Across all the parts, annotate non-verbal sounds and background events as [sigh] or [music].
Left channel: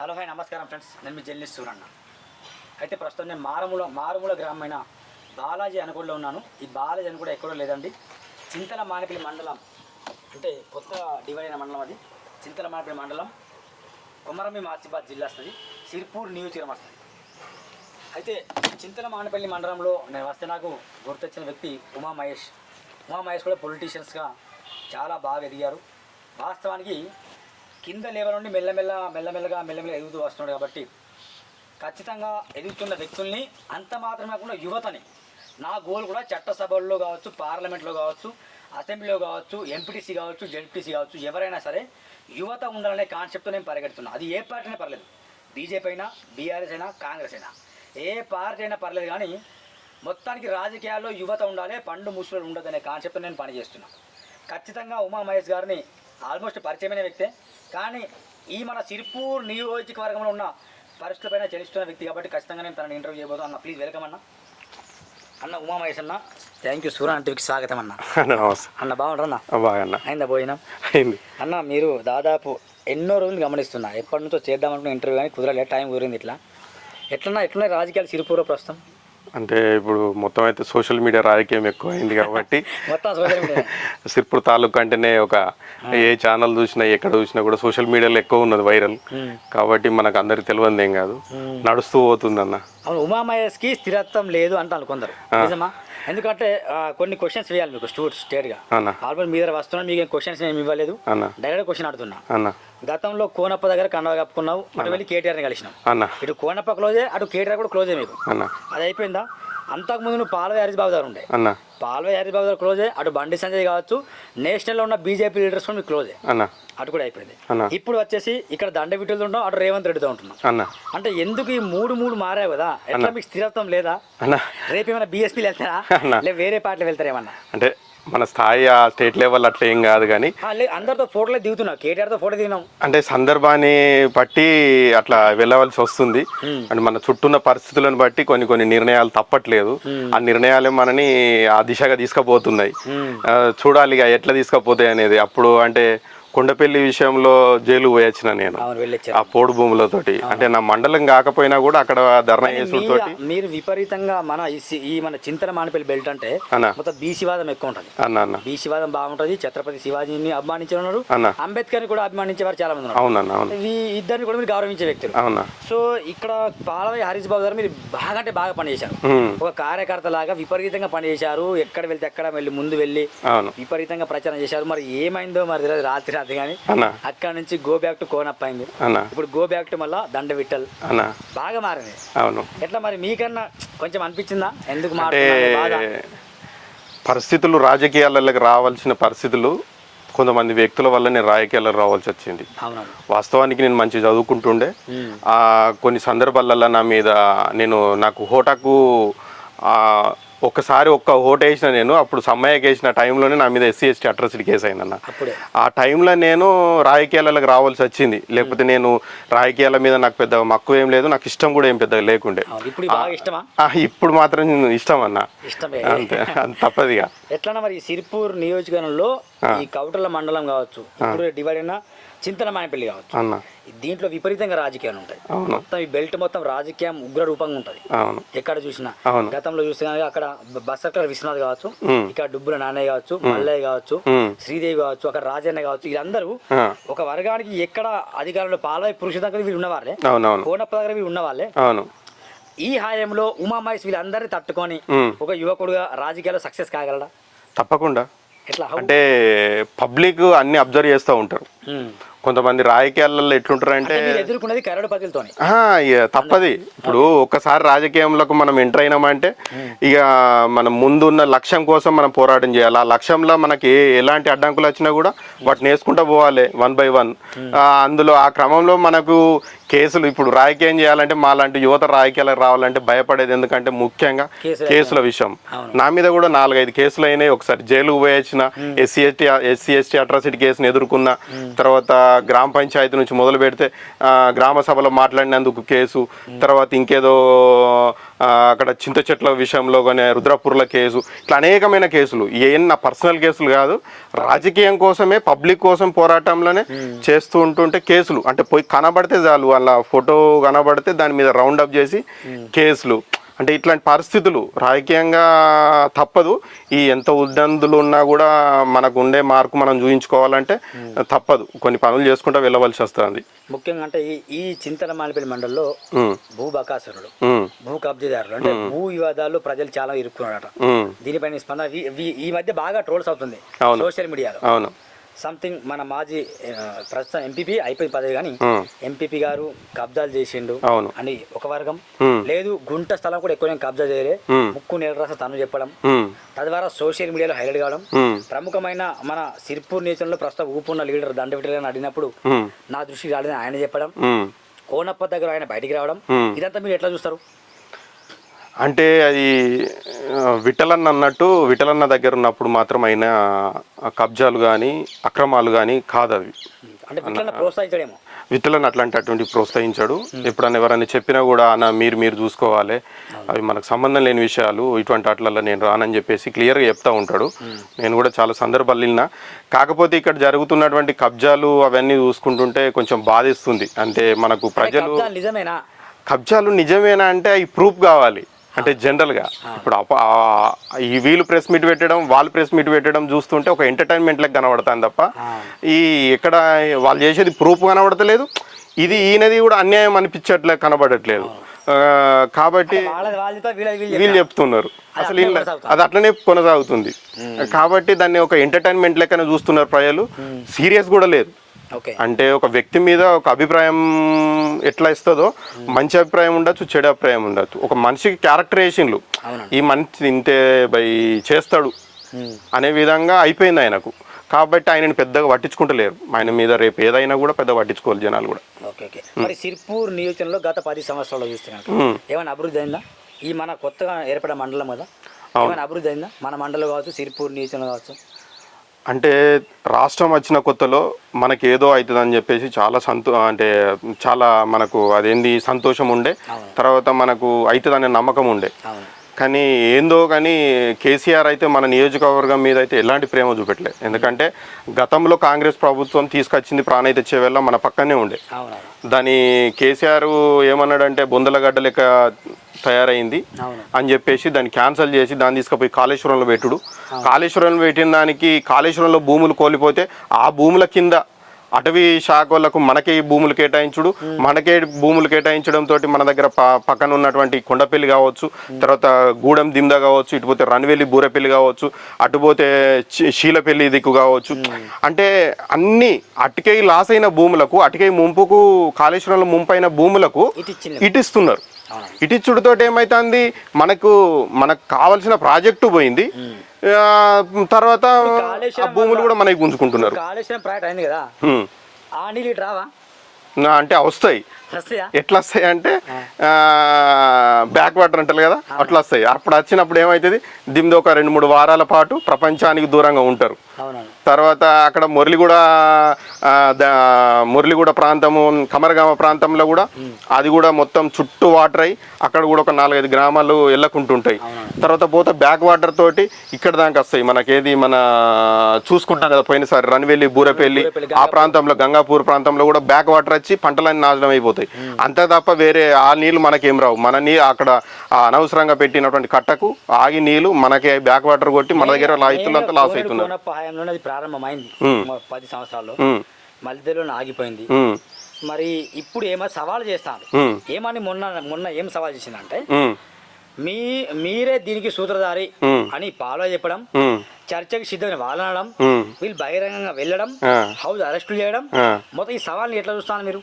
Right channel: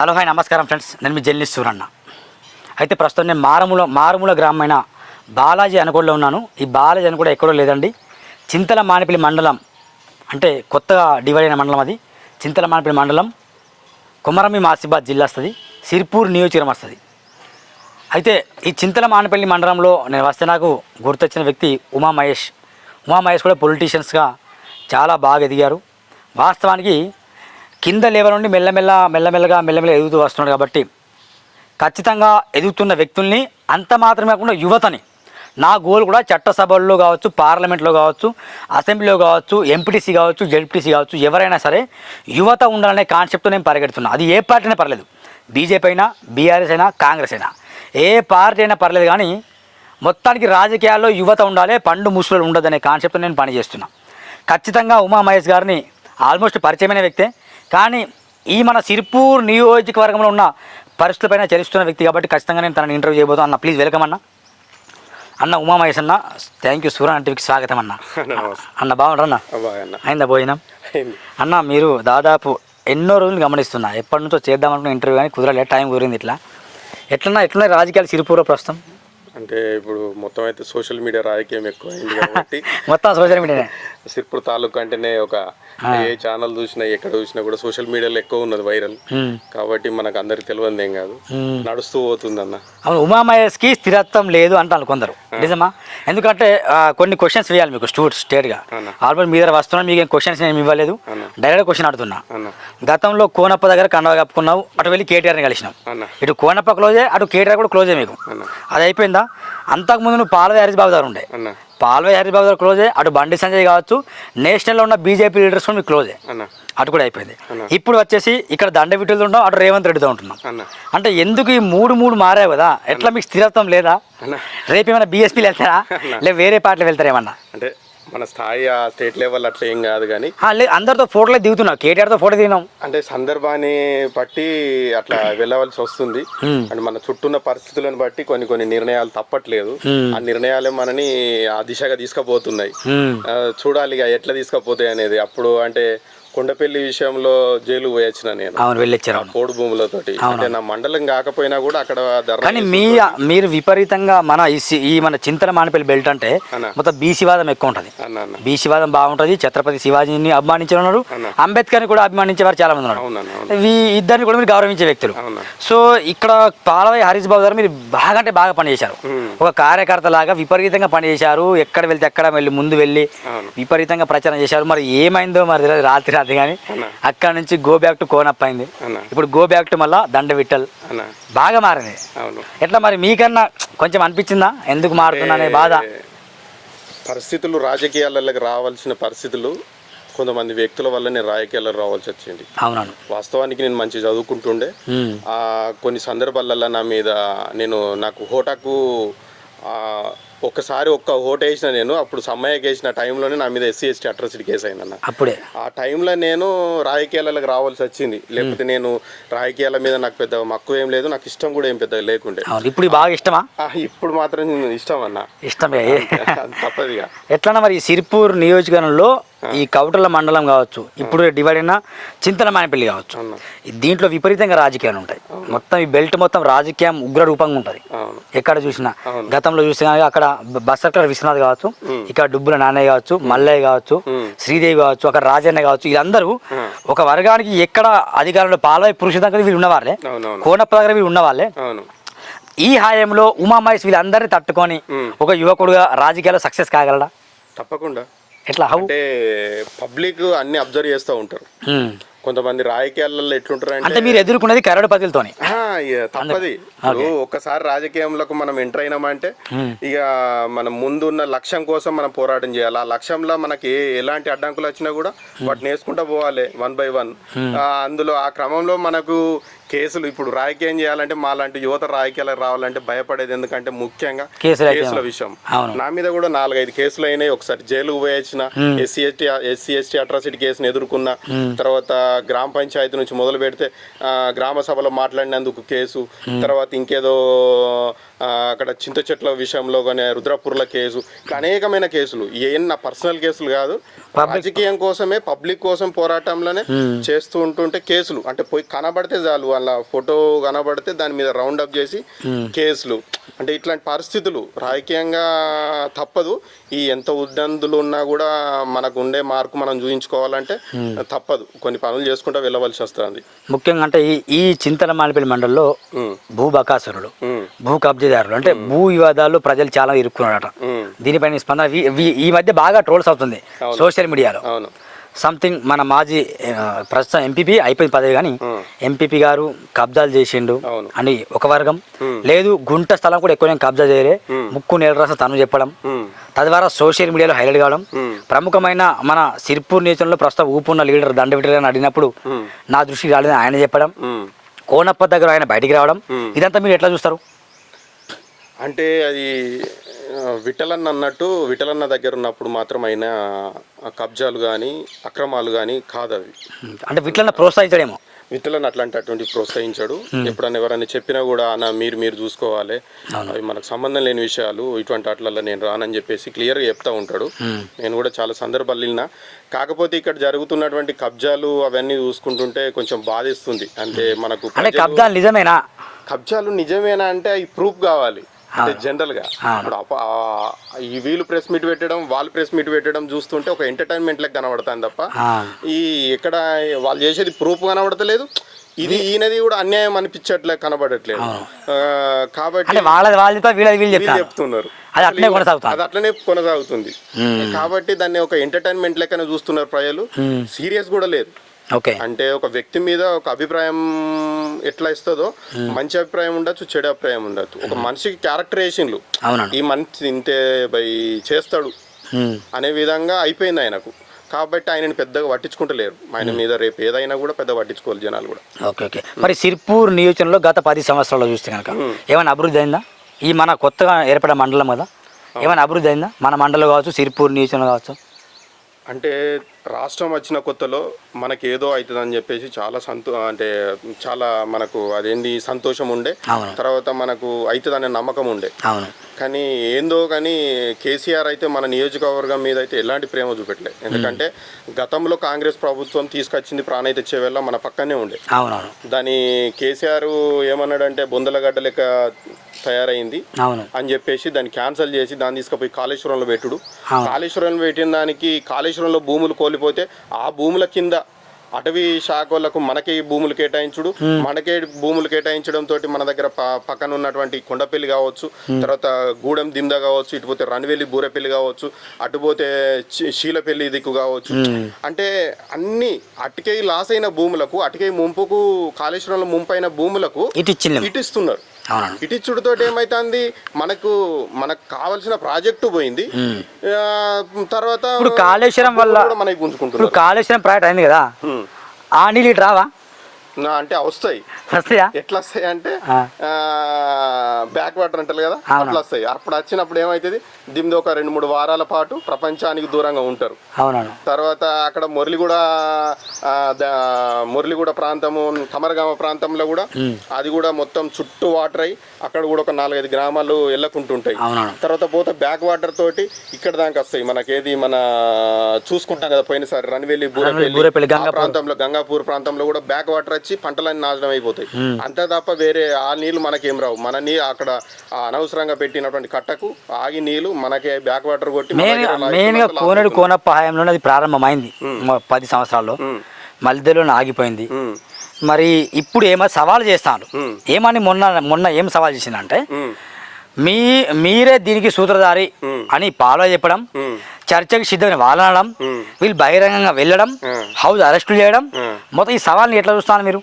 Hello hi నమస్కారం friends. నేను మీ journalist Suranna. అయితే ప్రస్తుతం నేను మారుమూల మారుమూల గ్రామమైన బాలాజీ అనుకోడలో ఉన్నాను. ఈ బాలాజీ అని కూడా ఎక్కడో లేదండి. చింతల మానిపల్లి మండలం అంటే కొత్తగా డివైడ్ అయిన మండలం అది. చింతల మానిపల్లి మండలం కుమరమి మాసిబాద్ జిల్లా వస్తుంది. సిర్పూర్ నియోజకవర్గం వస్తుంది. అయితే ఈ చింతల మానిపల్లి మండలంలో నేను వస్తే నాకు గుర్తొచ్చిన వ్యక్తి ఉమా మహేష్ ఉమా మహేష్ కూడా పొలిటీషియన్స్గా చాలా బాగా ఎదిగారు. వాస్తవానికి కింద లెవెల్ నుండి మెల్లమెల్ల మెల్లమెల్లగా మెల్లమెల్ల ఎదుగుతూ వస్తున్నాడు కాబట్టి ఖచ్చితంగా ఎదుగుతున్న వ్యక్తుల్ని అంత మాత్రమే కాకుండా యువతని. నా గోల్ కూడా చట్టసభల్లో కావచ్చు పార్లమెంట్లో కావచ్చు అసెంబ్లీలో కావచ్చు ఎంపీటీసీ కావచ్చు జెడ్పీటీసీ కావచ్చు ఎవరైనా సరే యువత ఉండాలనే కాన్సెప్ట్తో నేను పరిగెడుతున్నా. అది ఏ పార్టీ అయినా పర్లేదు. బీజేపీ అయినా బీఆర్ఎస్ అయినా కాంగ్రెస్ అయినా. ఏ పార్టీ అయినా పర్లేదు కానీ మొత్తానికి రాజకీయాల్లో యువత ఉండాలి పండు ముసులు ఉండదనే కాన్సెప్ట్ నేను పనిచేస్తున్నా. ఖచ్చితంగా ఉమా మహేష్ గారిని ఆల్మోస్ట్ పరిచయమైన వ్యక్తే. కానీ ఈ మన సిర్పూర్ నియోజకవర్గంలో ఉన్న పరిస్థితులపైన చలిస్తున్న వ్యక్తి కాబట్టి ఖచ్చితంగా నేను తనని ఇంటర్వ్యూ చేయబోతాను అన్న ప్లీజ్ వెల్కమ్ అన్న. అన్న ఉమా మహేష్ అన్న థ్యాంక్ యూ సూర్య టీవీకి స్వాగతం అన్న. అన్న బాగుంటారన్న బాగన్న. అయిందా భోజనం? అన్న మీరు దాదాపు ఎన్నో రోజులు గమనిస్తున్నా. ఎప్పటి నుంచో చేద్దామనుకున్న ఇంటర్వ్యూ కానీ కుదరలేదు. టైం కుదిరింది ఇట్లా. ఎట్లన్నా ఎట్లున్నాయి రాజకీయాలు సిరిపూర ప్రస్తుతం? అంటే ఇప్పుడు మొత్తం అయితే సోషల్ మీడియా రాజకీయం ఎక్కువ అయింది కాబట్టి [laughs] మొత్తం సోషల్ మీడియా సిర్పూర్ తాలూకు అంటేనే ఒక ఏ ఛానల్ చూసినా ఎక్కడ చూసినా కూడా సోషల్ మీడియాలో ఎక్కువ ఉన్నది వైరల్ కాబట్టి మనకు అందరికి తెలియదు ఏం కాదు. నడుస్తూ పోతుంది అన్న అవును ఉమామహేష్కి స్థిరత్వం లేదు అంటాను కొందరు. నిజమా? ఎందుకంటే కొన్ని క్వశ్చన్స్ వేయాలి మీకు స్టూట్ స్టేట్గా అన్న. ఆల్రెడీ మీ దగ్గర వస్తున్నాను మీకు ఏం క్వశ్చన్స్ నేను ఇవ్వలేదు డైరెక్ట్ క్వశ్చన్ అన్న. గతంలో కోనప్ప దగ్గర కండవ కప్పుకున్నావు అటు వెళ్ళి కేటీఆర్ని కలిసినావు. అన్న. ఇటు కోనప్ప క్లోజే అటు కేటీఆర్ కూడా క్లోజే మీకు. అన్న. అది అయిపోయిందా? అంతకుముందు నువ్వు పాలవే హరీష్ బాబు గారు ఉండే. పాల్వే హరీష్ బాబు గారు క్లోజే అటు బండి సంజయ్ కావచ్చు నేషనల్లో ఉన్న బీజేపీ లీడర్స్ కూడా మీకు క్లోజే అటు కూడా అయిపోయింది. ఇప్పుడు వచ్చేసి ఇక్కడ దండ విట్టులతో ఉంటాం అటు రేవంత్ రెడ్డితో ఉంటున్నాం. అంటే ఎందుకు ఈ మూడు మూడు మారావు కదా? ఎట్లా మీకు స్థిరత్వం లేదా? రేపు ఏమైనా బీఎస్పీలు వెళ్తారా? అన్న. లే వేరే పార్టీలు వెళ్తారా ఏమన్నా అంటే మన స్థాయి ఆ స్టేట్ లెవెల్ అట్లా ఏం కాదు కానీ అందరితో ఫోటోలే దిగుతున్నావు. కేటీఆర్తో ఫోటో దిగినాం. అంటే సందర్భాన్ని బట్టి అట్లా వెళ్ళవలసి వస్తుంది. అంటే మన చుట్టూన్న పరిస్థితులను బట్టి కొన్ని కొన్ని నిర్ణయాలు తప్పట్లేదు. ఆ నిర్ణయాలే మనని ఆ దిశగా తీసుకుపోతున్నాయి. చూడాలి ఇక ఎట్లా తీసుకుపోతాయి అనేది. అప్పుడు అంటే కొండపల్లి విషయంలో జైలు పోయొచ్చిన నేను. అవును వెళ్ళొచ్చారు. ఆ పోడు భూములతోటి అంటే నా మండలం కాకపోయినా కూడా అక్కడ కానీ మీ మీరు విపరీతంగా మన ఈ మన చింతన మానపల్లి బెల్ట్ అంటే. మొత్తం బీసీవాదం ఎక్కువ ఉంటుంది బీసీవాదం బాగుంటుంది ఛత్రపతి శివాజీని అభిమానించే ఉన్నారు అన్న. అంబేద్కర్ని కూడా అభిమానించే వారు చాలా మంది ఉన్నారు ఈ ఇద్దరిని కూడా మీరు గౌరవించే వ్యక్తులు. సో ఇక్కడ పాలవై హరీష్ బాబు గారు మీరు బాగా అంటే బాగా పనిచేశారు. ఒక కార్యకర్త లాగా విపరీతంగా పనిచేశారు. ఎక్కడ వెళ్తే ఎక్కడ వెళ్ళి ముందు వెళ్ళి విపరీతంగా ప్రచారం చేశారు. మరి ఏమైందో మరి రాత్రి రాత్రి కానీ అన్న. అక్కడ నుంచి గో బ్యాక్ టు కోనప్ అయింది. అన్న. ఇప్పుడు గో బ్యాక్ టు మళ్ళా దండ విట్టల్ అన్న. బాగా మారింది. అవును. ఎట్లా మరి మీకన్నా కొంచెం అనిపించిందా? ఎందుకు మారుతున్నా అనే బాధ? పరిస్థితులు రాజకీయాలకు రావాల్సిన పరిస్థితులు కొంతమంది వ్యక్తుల వల్లనే రాజకీయాలకు రావాల్సి వచ్చింది. అవునవును. వాస్తవానికి నేను మంచి చదువుకుంటుండే. కొన్ని సందర్భాలలో నా మీద నేను నాకు హోటాకు ఆ, ఒక్కసారి ఒక్క ఓటు వేసిన నేను అప్పుడు సమ్మయ్యకి వేసిన టైంలోనే నా మీద ఎస్సీ ఎస్టీ అట్రాసిటీ కేసు అయిందన్న. అప్పుడే. ఆ టైంలో నేను రాజకీయాలకు రావాల్సి వచ్చింది. లేకపోతే నేను రాజకీయాల మీద నాకు పెద్ద మక్కువ ఏం లేదు నాకు ఇష్టం కూడా ఏం పెద్దగా లేకుండే. ఇప్పుడు బాగా ఇష్టమా? ఇప్పుడు మాత్రం ఇష్టం అన్న. ఇష్టమే. తప్పదిగా ఎట్లన్నా మరి సిరిపూర్ నియోజకవర్గంలో ఈ కౌటల మండలం కావచ్చు ఇప్పుడు డివైడ్ అయిన చింతల మానపల్లి కావచ్చు. దీంట్లో విపరీతంగా రాజకీయాలు ఉంటాయి. మొత్తం ఈ బెల్ట్ మొత్తం రాజకీయం ఉగ్ర రూపంగా ఉంటుంది. ఎక్కడ చూసినా. గతంలో చూస్తే కనుక అక్కడ బసర్కర్ విశ్వనాథ్ కావచ్చు. ఇక్కడ డుబ్బుల నాన్నయ్య కావచ్చు మల్లయ్య కావచ్చు. శ్రీదేవి కావచ్చు అక్కడ రాజన్న కావచ్చు వీళ్ళందరూ. ఒక వర్గానికి ఎక్కడ అధికారంలో పాలవై పురుష దగ్గర వీళ్ళు ఉన్నవాళ్ళే. కోనప్ప దగ్గర వీళ్ళు ఉన్నవాళ్ళే. ఈ హాయంలో ఉమామహేష్ వీళ్ళందరినీ తట్టుకొని. ఒక యువకుడుగా రాజకీయాల్లో సక్సెస్ కాగలడా? తప్పకుండా. ఎట్లా? అంటే పబ్లిక్ అన్ని అబ్జర్వ్ చేస్తూ ఉంటారు. మ్. కొంతమంది రాజకీయాలలో ఎట్లుంటారు అంటే మీరు ఎదుర్కొన్నది కరడు పదులతోని తప్పది. ఇప్పుడు ఒక్కసారి రాజకీయంలోకి మనం ఎంటర్ అయినామంటే ఇక మనం ముందున్న లక్ష్యం కోసం మనం పోరాటం చేయాలి. ఆ లక్ష్యంలో మనకి ఎలాంటి అడ్డంకులు వచ్చినా కూడా వాటిని వేసుకుంటూ పోవాలి వన్ బై వన్ అందులో ఆ క్రమంలో మనకు కేసులు ఇప్పుడు రాజకీయం చేయాలంటే మా లాంటి యువత రాజకీయాలకు రావాలంటే భయపడేది ఎందుకంటే ముఖ్యంగా కేసులు విషయం. నా మీద కూడా నాలుగైదు కేసులు అయినాయి. ఒకసారి జైలుకు పోయొచ్చిన SC ST SC ST atrocity కేసుని ఎదుర్కొన్న తర్వాత గ్రామ పంచాయతీ నుంచి మొదలు పెడితే గ్రామ సభలో మాట్లాడినందుకు కేసు తర్వాత ఇంకేదో అక్కడ చింత చెట్ల విషయంలో కానీ రుద్రపూర్ల కేసు ఇట్లా అనేకమైన కేసులు. ఏం నా పర్సనల్ కేసులు కాదు. రాజకీయం కోసమే పబ్లిక్ కోసం పోరాటంలోనే చేస్తూ ఉంటుంటే కేసులు. అంటే పోయి కనబడితే చాలు వాళ్ళ ఫోటో కనబడితే దాని మీద రౌండ్ అప్ చేసి కేసులు. అంటే ఇట్లాంటి పరిస్థితులు రాజకీయంగా తప్పదు. ఈ ఎంత ఉద్దందులు ఉన్నా కూడా మనకు ఉండే మార్కు మనం చూపించుకోవాలంటే తప్పదు. కొన్ని పనులు చేసుకుంటూ వెళ్ళవలసి వస్తుంది. ముఖ్యంగా అంటే ఈ ఈ చింతల మాలిపల్లి మండలంలో భూ బకాసురుడు భూ కబ్జాదారులు అంటే భూ వివాదాలు ప్రజలు చాలా ఇరుక్కున్నారట. దీనిపైన స్పందన ఈ మధ్య బాగా ట్రోల్స్ అవుతుంది. సోషల్ మీడియాలో. అవును. సంథింగ్ మన మాజీ ప్రస్తుతం ఎంపీపీ అయిపోయింది పదవి కానీ ఎంపీపీ గారు కబ్జాలు చేసిండు. అని ఒక వర్గం. లేదు గుంట స్థలం కూడా ఎక్కువ కబ్జా చేయలే. ముక్కు నేల రాస తను చెప్పడం. తద్వారా సోషల్ మీడియాలో హైలైట్ కావడం. ప్రముఖమైన మన సిర్పూర్ నియోజకంలో ప్రస్తుతం ఊపున్న లీడర్ దండవిటర్ అని అడిగినప్పుడు నా దృష్టికి రాలేదని ఆయన చెప్పడం. కోనప్ప దగ్గర ఆయన బయటికి రావడం. ఇదంతా మీరు ఎట్లా చూస్తారు? అంటే అది ఆ, విఠలన్న అన్నట్టు విఠలన్న దగ్గర ఉన్నప్పుడు మాత్రం అయిన కబ్జాలు కానీ అక్రమాలు కానీ కాదు అవి అంటే వీటిలో ప్రోత్సహించడేమో. విఠలన్న అట్లాంటి అటువంటి ప్రోత్సహించాడు ఎప్పుడన్నా ఎవరైనా చెప్పినా కూడా అన్న మీరు మీరు చూసుకోవాలి. అవి మనకు సంబంధం లేని విషయాలు ఇటువంటి వాటిలలో నేను రానని చెప్పేసి క్లియర్గా చెప్తా ఉంటాడు. నేను కూడా చాలా సందర్భాలు వెళ్ళినా కాకపోతే ఇక్కడ జరుగుతున్నటువంటి కబ్జాలు అవన్నీ చూసుకుంటుంటే కొంచెం బాధిస్తుంది. అంటే మనకు నిజమేనా? కబ్జాలు నిజమేనా అంటే అవి ప్రూఫ్ కావాలి. అంటే జనరల్గా ఇప్పుడు ఈ వీళ్ళు ప్రెస్ మీట్ పెట్టడం వాళ్ళు ప్రెస్ మీట్ పెట్టడం చూస్తుంటే ఒక ఎంటర్టైన్మెంట్ లెక్క కనబడతాను తప్ప. ఈ ఎక్కడ వాళ్ళు చేసేది ప్రూఫ్ కనబడతలేదు. ఇది ఈయనది కూడా అన్యాయం అనిపించట్లే కనబడట్లేదు. కాబట్టి వాళ్ళు చెప్తున్నారు. అది అట్లనే కొనసాగుతుంది. కాబట్టి దాన్ని ఒక ఎంటర్టైన్మెంట్ లెక్కన చూస్తున్నారు ప్రజలు. సీరియస్ కూడా లేదు. అంటే ఒక వ్యక్తి మీద ఒక అభిప్రాయం ఎట్లా ఇస్తుందో మంచి అభిప్రాయం ఉండొచ్చు చెడు అభిప్రాయం ఉండొచ్చు. ఒక మనిషికి క్యారెక్టరేషన్లు అవునండి. ఈ మనిషి ఇంతే బై చేస్తాడు. అనే విధంగా అయిపోయింది ఆయనకు. కాబట్టి ఆయనని పెద్దగా పట్టించుకుంటలేరు. ఆయన మీద రేపు ఏదైనా కూడా పెద్ద పట్టించుకోవాలి జనాలు కూడా. Okay okay. మరి సిర్పూర్ నియోజకంలో గత పది సంవత్సరాల్లో చూస్తే కనుక ఏమైనా అభివృద్ధి అయిందా? ఈ మన కొత్తగా ఏర్పడే మండలం కదా ఏమైనా అభివృద్ధి అయిందా? మన మండలం కావచ్చు సిర్పూర్ నియోజకం కావచ్చు. అంటే రాష్ట్రం వచ్చిన కొత్తలో మనకి ఏదో అవుతుంది అని చెప్పేసి చాలా సంతో అంటే చాలా మనకు అదేంది సంతోషం ఉండే. తర్వాత మనకు అవుతుంది అనే నమ్మకం ఉండే. కానీ ఏందో కానీ కేసీఆర్ అయితే మన నియోజకవర్గం మీద అయితే ఎలాంటి ప్రేమ చూపెట్టలే. ఎందుకంటే గతంలో కాంగ్రెస్ ప్రభుత్వం తీసుకొచ్చింది ప్రాణాయి తెచ్చే వేళ మన పక్కనే ఉండే. దాని కేసీఆర్ ఏమన్నాడంటే బొందలగడ్డ లెక్క తయారైంది అని చెప్పేసి దాన్ని క్యాన్సిల్ చేసి దాన్ని తీసుకుపోయి కాళేశ్వరంలో పెట్టుడు. కాళేశ్వరంలో పెట్టిన దానికి కాళేశ్వరంలో భూములు కోల్పోతే ఆ భూముల కింద అటవీ శాఖ వాళ్ళకు మనకే భూములు కేటాయించుడు. మనకే భూములు కేటాయించడం తోటి మన దగ్గర పక్కన ఉన్నటువంటి కొండపల్లి కావచ్చు తర్వాత గూడెం దింద కావచ్చు ఇటు పోతే రణవెల్లి బూరెపల్లి కావచ్చు అటు పోతే శీ- శీలపల్లి దిక్కు కావచ్చు. అంటే అన్ని అటుకై లాస్ అయిన భూములకు అటుకై ముంపుకు కాళేశ్వరంలో ముంపైన భూములకు ఇటు ఇస్తున్నారు. ఇటిచ్చుడుతో ఏమైతుంది? మనకు మనకు కావాల్సిన ప్రాజెక్టు పోయింది. తర్వాత కాళేశ్వరం వల్ల- కూడా మనకి గుంజుకుంటున్నారు. కాళేశ్వరం ప్రాజెక్ట్ అయింది కదా. ఆ నీళ్ళు రావా? అంటే వస్తాయి వస్తాయా? ఎట్లా వస్తాయి అంటే ఆ. బ్యాక్ వాటర్ అంటారు కదా అట్లా వస్తాయి అప్పుడు వచ్చినప్పుడు ఏమవుతుంది దీనిది ఒక రెండు మూడు వారాల పాటు ప్రపంచానికి దూరంగా ఉంటారు. తర్వాత అక్కడ మురళిగూడ మురళిగూడ ప్రాంతము కమరగామ ప్రాంతంలో కూడా అది కూడా మొత్తం చుట్టూ వాటర్ అయి అక్కడ కూడా ఒక నాలుగైదు గ్రామాలు వెళ్ళకుంటుంటాయి తర్వాత పోతే బ్యాక్ వాటర్ తోటి ఇక్కడ దాకా వస్తాయి. మనకేది మన చూసుకుంటాం కదా పోయినసారి రన్వెల్లి బూరెపల్లి, ఆ ప్రాంతంలో గంగాపూర్ ప్రాంతంలో కూడా బ్యాక్ వాటర్ వచ్చి పంటలన్నీ నాశనం అయిపోతాయి. అంతే తప్ప వేరే ఆ నీళ్ళు మనకేం రావు మన నీ అక్కడ అనవసరంగా పెట్టినటువంటి కట్టకు ఆగి నీళ్ళు మనకి బ్యాక్ వాటర్ కొట్టి మన దగ్గర అవుతుంది. కోనప్ప హయాంలోనే అది ప్రారంభమైంది పది సంవత్సరాల్లో ఉమ్, మధ్యలోనే ఆగిపోయింది మరి ఇప్పుడు ఏమో సవాల్ చేస్తాను. ఏమని మొన్న మొన్న ఏం సవాల్ చేసిందంటే మీ మీరే దీనికి సూత్రధారి. అని పాలో చెప్పడం చర్చకు సిద్ధమైన వాళ్ళనడం. వీళ్ళు బహిరంగంగా వెళ్ళడం. హౌస్ అరెస్టులు చేయడం. మొత్తం ఈ సవాల్ని ఎట్లా చూస్తాను మీరు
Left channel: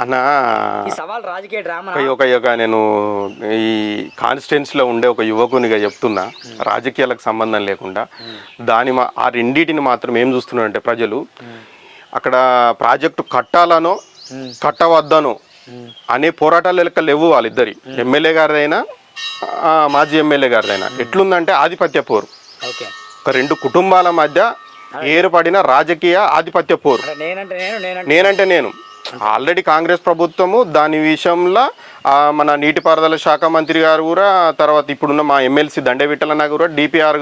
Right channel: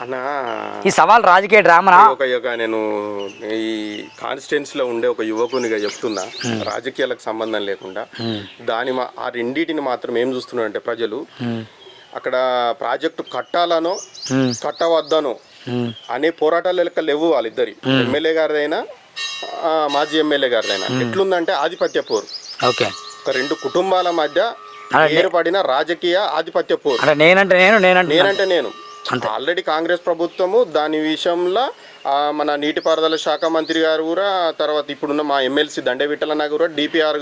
అన్న. ఈ సవాల్ రాజకీయ డ్రామా ఒక ఒక నేను ఈ కాన్స్టిట్యున్సీలో ఉండే ఒక యువకునిగా చెప్తున్నా. రాజకీయాలకు సంబంధం లేకుండా. దాని మా- ఆ రెండింటిని మాత్రం ఏం చూస్తున్నారంటే ప్రజలు అక్కడ ప్రాజెక్టు కట్టాలనో కట్టవద్దనో అనే పోరాటాలు లెక్క లేవు వాళ్ళిద్దరి. ఎమ్మెల్యే గారిదైనా మాజీ ఎమ్మెల్యే గారిదైనా. ఎట్లుందంటే ఆధిపత్య పోరు. ఓకే. ఒక రెండు కుటుంబాల మధ్య ఏర్పడిన రాజకీయ ఆధిపత్య పోరు. అంటే నేనంటే నేను నేనంటే నేను. ఆల్రెడీ కాంగ్రెస్ ప్రభుత్వము దాని విషయంలో మన నీటిపారుదల శాఖ మంత్రి గారు కూడా తర్వాత ఇప్పుడున్న మా ఎమ్మెల్సీ దండే విట్టలన్న కూడా డిపిఆర్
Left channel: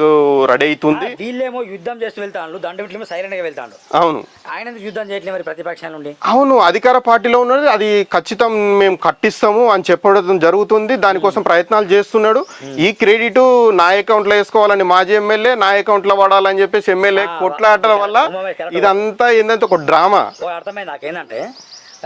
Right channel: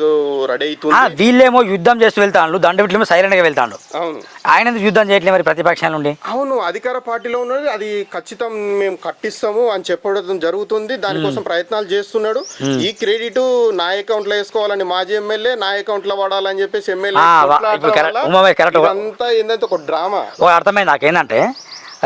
రెడీ అవుతుంది వీళ్ళేమో యుద్ధం చేస్తూ వెళ్తాను దండవిట్లేమో సైలెంట్గా వెళ్తాడు అవును. ఆయన యుద్ధం చేయట్లేదు మరి ప్రతిపక్షాల నుండి? అవును అధికార పార్టీలో ఉన్నది అది ఖచ్చితం మేము కట్టిస్తాము అని చెప్పడం జరుగుతుంది దానికోసం ప్రయత్నాలు చేస్తున్నాడు. ఈ క్రెడిట్ నా అకౌంట్లో వేసుకోవాలని మాజీ ఎమ్మెల్యే నా అకౌంట్లో వాడాలని చెప్పేసి ఎమ్మెల్యే. ఇదంతా ఏంటంటే ఒక డ్రామా. అర్థమైంది నాకేంటంటే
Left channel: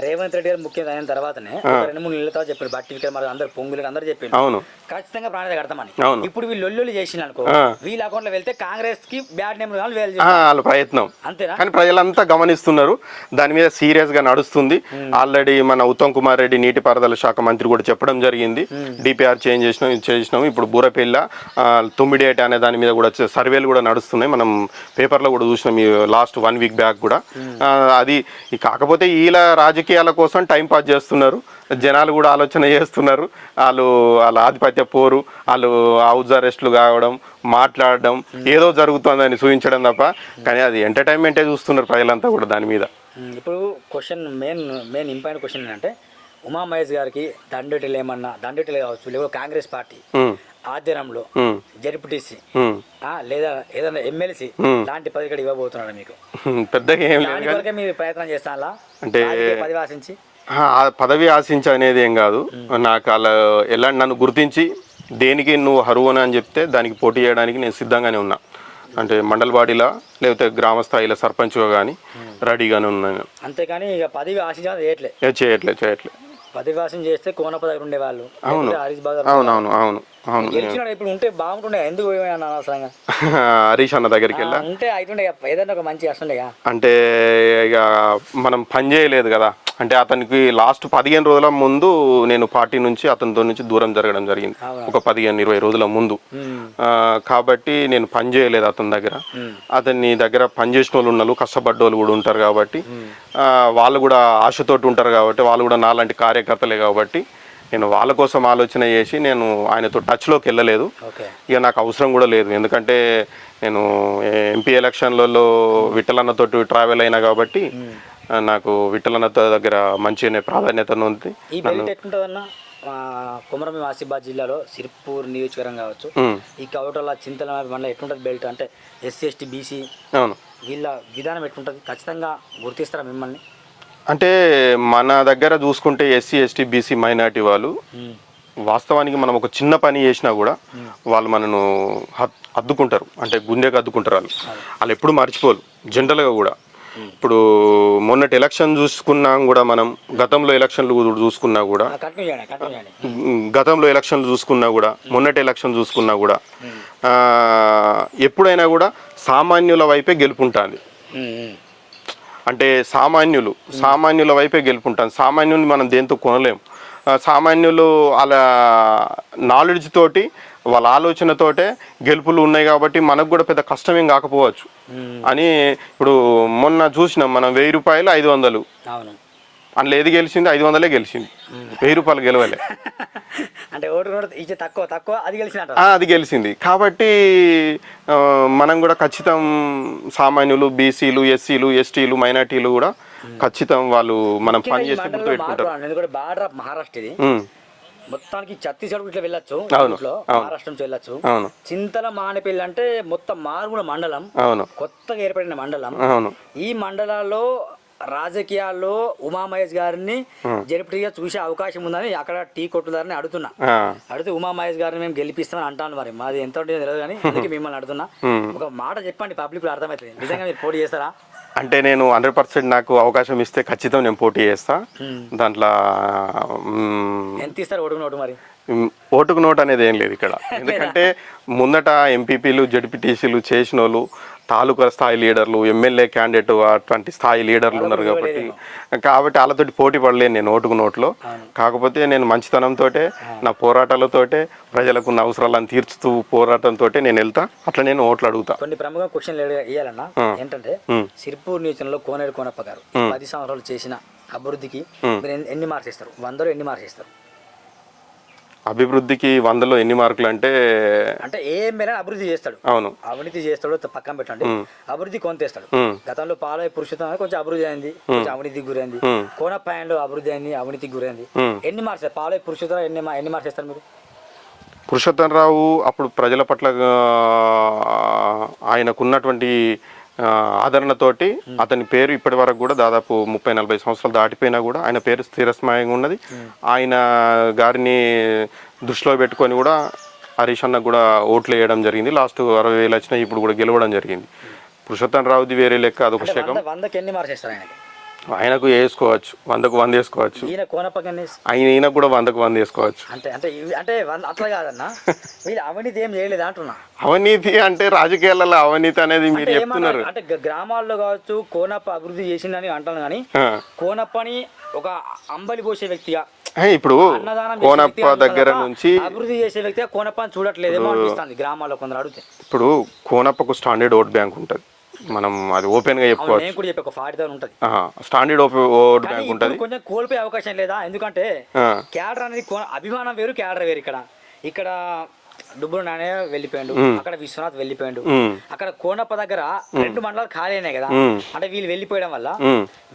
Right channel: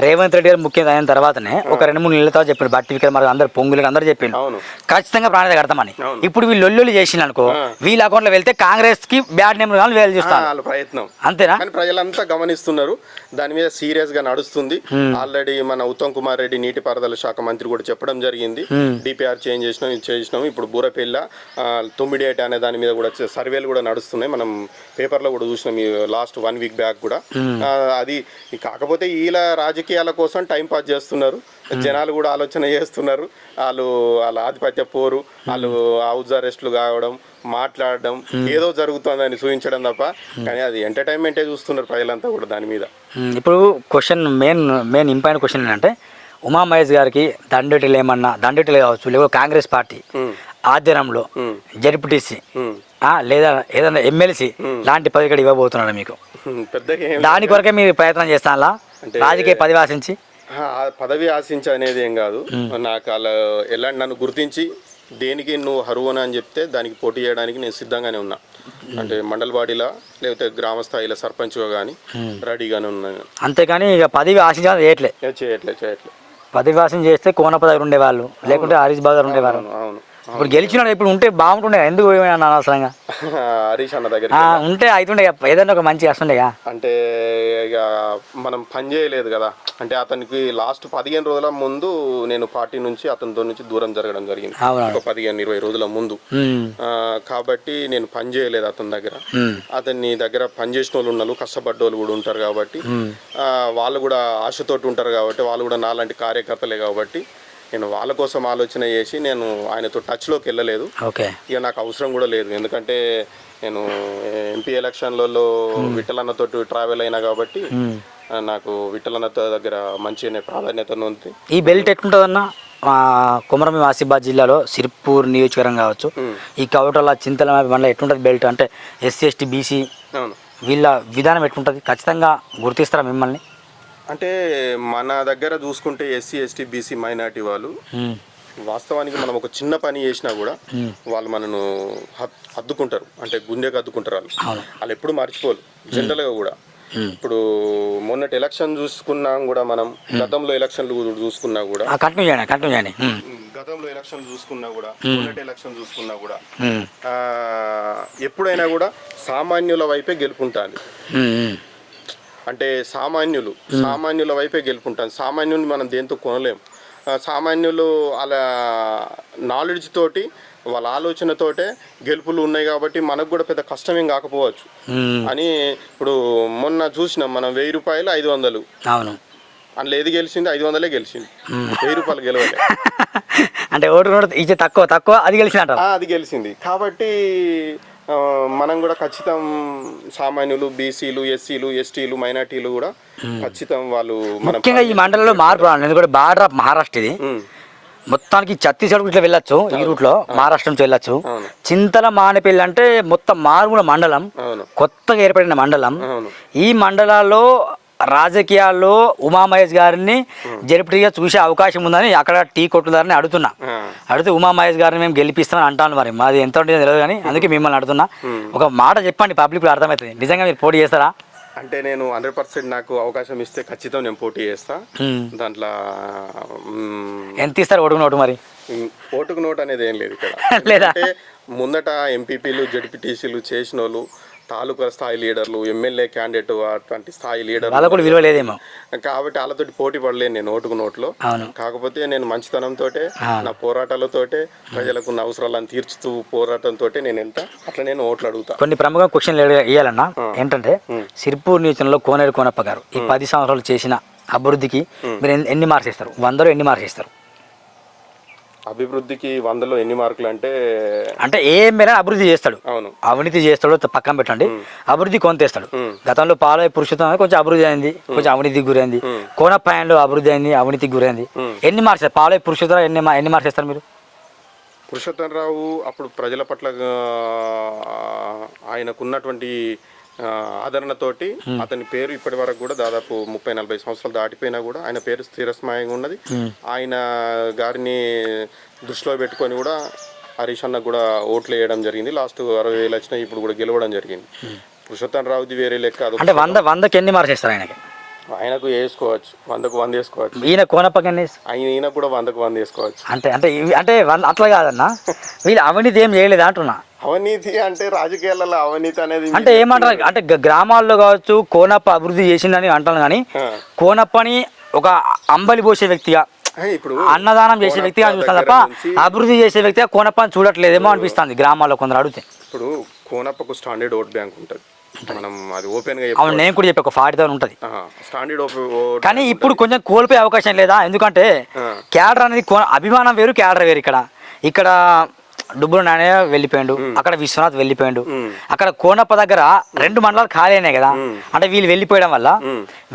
రేవంత్ రెడ్డి గారు ముఖ్యమంత్రి అయిన తర్వాతనే ఒక రెండు మూడు నెలల తర్వాత చెప్పాడు. బట్టి విక్రమ్ అందరు పొంగులు అందరూ చెప్పిండు. అవును. ఖచ్చితంగా ప్రాణాలు కడతామని. ఇప్పుడు వీళ్ళు లొల్లులు చేసిన అనుకో. వీళ్ళ అకౌంట్లో వెళ్తే కాంగ్రెస్కి బ్యాడ్ నేమ్ కానీ వేలు చేస్తారు. వాళ్ళ ప్రయత్నం. అంతేనా? కానీ ప్రజలంతా గమనిస్తున్నారు. దాని మీద సీరియస్గా నడుస్తుంది ఆల్రెడీ మన ఉత్తమ్ కుమార్ రెడ్డి నీటిపారుదల శాఖ మంత్రి కూడా చెప్పడం జరిగింది. డిపిఆర్ చేంజ్ చేసినాం ఇది చేసినాం. ఇప్పుడు బూరపెల్ల తొమ్మిడేట అనే దాని మీద కూడా సర్వేలు కూడా నడుస్తున్నాయి. మనం పేపర్లో కూడా చూసినాం లాస్ట్ వన్ వీక్ బ్యాక్ కూడా. అది ఈ కాకపోతే వీళ్ళ రాజకీయాల కోసం టైం పాస్ చేస్తున్నారు. జనాలు కూడా ఆలోచన చేస్తున్నారు. వాళ్ళు వాళ్ళ ఆధిపత్య పోరు వాళ్ళు హౌస్ అరెస్ట్లు కావడం మాట్లాడడం ఏదో జరుగుతుందని చూపించడం తప్ప కానీ అది ఎంటర్టైన్మెంటే చూస్తున్నారు ప్రజలంతా కూడా దాని మీద. ఇప్పుడు question main main important question ఏంటంటే ఉమా మహేష్ గారికి దండేటిలు ఏమన్నా దండేటిలు కావచ్చు లేకపోతే కాంగ్రెస్ పార్టీ ఆధ్వర్యంలో జడ్పీటీసీ. లేదా ఏదైనా ఎమ్మెల్సీ లాంటి పదవి ఇక్కడ ఇవ్వబోతున్నాడు మీకు. దాని కొరకే మీరు ప్రయత్నం చేస్తారా అంటే- రాజకీయ పదవి ఆశించి? పదవి ఆశించ అనేది ఏం కాదు. నాకు అలా ఎలా నన్ను గుర్తించి దేనికి నువ్వు హరువన అని చెప్తే దానికి పోటీ చేయడానికి నేను సిద్ధంగానే ఉన్నా. అంటే మండల బాడీలా లేకపోతే గ్రామ స్థాయిలో సర్పంచ్గా కానీ రెడీగానే ఉన్నాను అంతేగాని ఇక పదవి ఆశించాలని చేయట్లే. ఏ చేయట్లే చేయట్లే. పదవి ఆశం చేస్తే కోన పదవి ఉండేవాళ్ళు లేకుంటే హరీష్ బాదర్ అవును అవును. ఇప్పుడు గెలిచినాడు ఇప్పుడు ఉంటే బాగుంటుండే ఎందుకు పోయినా అనవసరంగా? [laughs] హరీష్ అన్న దగ్గరికి ఉంటే అవుతుండే ఇక ఏదైనా ఒక మంచి వస్తుండేగా అంటే ఇక మనం పని చేయలేదు కదా. అంటే అతనికి లాస్ట్ పదిహేను రోజుల ముందు నేను పార్టీ నుంచి అతనితో నుంచి దూరం జరగడం జరిగింది. ఒక పదిహేను ఇరవై రోజుల ముందు. కాబట్టి నేను పని చేయలేదు అతని దగ్గర. అతని దగ్గర పని చేసిన వాళ్ళు ఉన్నారు కష్టపడ్డోళ్ళు కూడా ఉంటారు కాబట్టి వాళ్ళు కూడా ఆశతోటి ఉంటారు కాబట్టి వాళ్ళు కూడా నాలాంటి కార్యకర్తలే కాబట్టి నేను వాళ్ళ కోసం ఆలోచన చేసి నేను ఆయనతో టచ్లోకి వెళ్ళలేదు. ఓకే. ఇక నాకు అవసరం కూడా లేదు. ఎందుకంటే నేను ఎంపీ ఎలక్షన్లలో విఠలన్నతోటి ట్రావెల్ అయినా కాబట్టి నాకు విఠలన్నతో దగ్గర మంచి ప్రాధాన్యత ఉంది. ఈ బెల్ట్ ఎట్లుంటుందన్న? కుమరం ఆసిఫాబాద్ జిల్లాలో సిర్పూర్ నియోజకవర్గం కావచ్చు. ఈ కవటల చింతల మండలం ఎట్లుంటుంది బెల్ట్ అంటే ఎస్సీ ఎస్టీ బీసీ అవును. వీళ్ళ విధానం ఎట్లుంటుంది? ఖచ్చితంగా గుర్తిస్తారా మిమ్మల్ని? అంటే మన దగ్గర చూసుకుంటే ఎస్సీ ఎస్టీ బీసీ మైనార్టీ వాళ్ళు వాస్తవానికి మనం ఒక చిన్న పని చేసినా కూడా వాళ్ళు మనను అద్దుకుంటారు అంటే గుండెకి అద్దుకుంటారు వాళ్ళు. వాళ్ళు ఎప్పుడు మర్చిపోరు. జనరల్గా కూడా. ఇప్పుడు మొన్నటి ఎలక్షన్ చూసుకున్నాం కూడా మనం. గతంలో ఎలక్షన్లు చూసుకున్నా కూడా. గతంలో ఎలక్షన్లు చూసుకున్నా కూడా మొన్నటి ఎలక్షన్ చూసుకున్నా కూడా ఎప్పుడైనా కూడా సామాన్యుల వైపే ఉమ్. అంటే సామాన్యులు సామాన్యుల వైపే గెలుపుంటాను సామాన్యులు మనం దేంతో కొనలేం. సామాన్యులు వాళ్ళ నాలెడ్జ్ తోటి వాళ్ళ ఆలోచనతోటే గెలుపులు ఉన్నాయి కాబట్టి మనకు కూడా పెద్ద కష్టమేం కాకపోవచ్చు. అని ఇప్పుడు మొన్న చూసినాం మనం వెయ్యి రూపాయలు ఐదు వందలు. అవును. అందులో ఏది గెలిచింది? ఐదు వందలే గెలిచింది. వెయ్యి రూపాయలు గెలవలే. [laughs] అంటే ఓటు ఇచ్చే తక్కువ తక్కువ అది ఆ, అది గెలిచింది. కాబట్టి మనం కూడా ఖచ్చితం సామాన్యులు బీసీలు ఎస్సీలు ఎస్టీలు మైనార్టీలు కూడా ఖచ్చితం వాళ్ళు మనం ఈ మండలంలో మార్పు ఎందుకంటే బార్డర్ ఆఫ్ మహారాష్ట్ర ఇది. మొత్తానికి ఛత్తీస్గఢ్ ఇట్లా వెళ్ళొచ్చు ఈ రూట్లో మహారాష్ట్ర నుంచి వెళ్ళొచ్చు. చింతల మానేపల్లి అంటే మొత్తం మారుమూల మండలం కొత్తగా ఏర్పడిన మండలం. ఈ మండలాల్లో రాజకీయాల్లో ఉమామహేష్ గారిని జరిపిగా చూసే అవకాశం ఉందని అక్కడ టీ కొట్టుదారని అడుగుతున్నా. అడిగితే ఉమామహేష్ గారిని మేము గెలిపిస్తామని అంటాను మరి. మాది ఎంత ఉంటుందో తెలియదు కానీ [laughs] అందుకే మిమ్మల్ని అడుగుతున్నా. ఒక మాట చెప్పండి పబ్లిక్ అర్థమవుతుంది. నిజంగా మీరు పోటీ చేస్తారా? అంటే నేను హండ్రెడ్ పర్సెంట్ నాకు అవకాశం ఇస్తే ఖచ్చితం నేను పోటీ చేస్తా. దాంట్లో ఎంత ఇస్తారు ఓటుకు నోటు మరి? ఓటుకు నోట్ అనేది ఏం లేదు ఇక్కడ? [laughs] ఎందుకంటే ముందట ఎంపీపీలు జడ్పీటీసీలు చేసిన వాళ్ళు తాలూకా స్థాయి లీడర్లు ఎమ్మెల్యే క్యాండిడేట్ అటువంటి స్థాయి లేదేమో. కాబట్టి- వాళ్ళతోటి పోటీ పడలేను నేను ఓటుకు నోట్లో. కాకపోతే నేను మంచితనంతో నా పోరాటాలతోటే ప్రజలకు ఉన్న అవసరాలను తీర్చుతూ పోరాటంతో నేను వెళ్తా. అట్లా నేను ఓట్లు అడుగుతా. కొన్ని ప్రముఖ క్వశ్చన్లు ఇవ్వాలన్నా ఏంటంటే సిర్పూర్ నియోజకంలో కోనేరు కోనప్ప గారు ఈ పది సంవత్సరాలు చేసిన అభివృద్ధికి మీరు ఎన్ని- ఎన్ని మార్క్స్ ఇస్తారు వందలో ఎన్ని మార్క్స్ ఇస్తారు అభివృద్ధికి వందలో ఎన్ని మార్కులు అంటే అంటే ఏం మేర అభివృద్ధి చేస్తాడు? అవును. అవినీతి చేస్తాడో పక్కన పెట్టండి. అభివృద్ధి కొంతేస్తాడు మ్మ్. గతంలో పాలయ పురుషోత్తం కొంచెం అభివృద్ధి అయింది కొంచెం అవినీతికి గురైంది. మ్మ్. కోనపాయంలో అభివృద్ధి అయింది అవినీతికి గురైంది. ఎన్ని మార్క్స్ పాలయ పురుషోత్తం ఎన్ని ఎన్ని మార్క్స్ ఇస్తారు మీరు? పురుషోత్తం రావు అప్పుడు ప్రజల పట్ల ఆయనకున్నటువంటి ఆదరణతోటి అతని పేరు ఇప్పటి వరకు కూడా దాదాపు ముప్పై నలభై సంవత్సరాలు దాటిపోయినా కూడా ఆయన పేరు స్థిరస్మయంగా ఉన్నది. ఆయన గారిని దృష్టిలో పెట్టుకొని కూడా హరీష్ అన్నకు కూడా ఓట్లు వేయడం జరిగింది. లాస్ట్ అరవై వేలు వచ్చినాయి ఇప్పుడు కూడా గెలవడం జరిగింది. పురుషోత్తం రావుది వేరే లెక్క వంద వందకి ఎన్ని మార్క్స్ ఇస్తారు ఆయనకి? ఆయనకు వేసుకోవచ్చు. వందకు వంద వేసుకోవచ్చు. ఈయన ఇస్తారు? ఆయన ఈయనకు కూడా వందకు వంద వేసుకోవచ్చు. అంటే అంటే అంటే అట్లా కాదన్న. వీళ్ళు అవినీతి ఏం చేయలేదు అంటున్నా. అవినీతి అంటే రాజకీయాలలో అవినీతి అనేది అంటే ఏమంటారు. అంటే గ్రామాల్లో కావచ్చు కోనప్ప అభివృద్ధి చేసిందని అంటాను కానీ. కోనప్పని ఒక అంబలి పోసే వ్యక్తిగా ఇప్పుడు అన్నదానం చేసే నుంచి అభివృద్ధి చేసే వ్యక్తిగా కోనప్పని చూడట్లేదేమో అనిపిస్తుంది గ్రామాల్లో కొందరు అడిగితే ఇప్పుడు కోనప్పకు స్టాండర్డ్ ఓట్ బ్యాంక్ ఉంటుంది మనం అది ఓపెన్గా అవును చెప్పుకోవచ్చు నేను కూడా చెప్పి ఒక ఫార్టీ థౌసండ్ ఉంటుంది స్టాండర్డ్ కానీ ఇప్పుడు. కొంచెం కోల్పోయే అవకాశం లేదా ఎందుకంటే. క్యాడర్ అనేది అభిమానం వేరు క్యాడర్ వేరు ఇక్కడ ఇక్కడ డుబ్బులు నాణ్య వెళ్ళిపోయాడు. అక్కడ విశ్వనాథ్ వెళ్ళిపోయాడు. అక్కడ కోనప్ప దగ్గర రెండు మండలాలు ఖాళీ అయినాయి కదా. అంటే వీళ్ళు వెళ్ళిపోయడం వల్ల.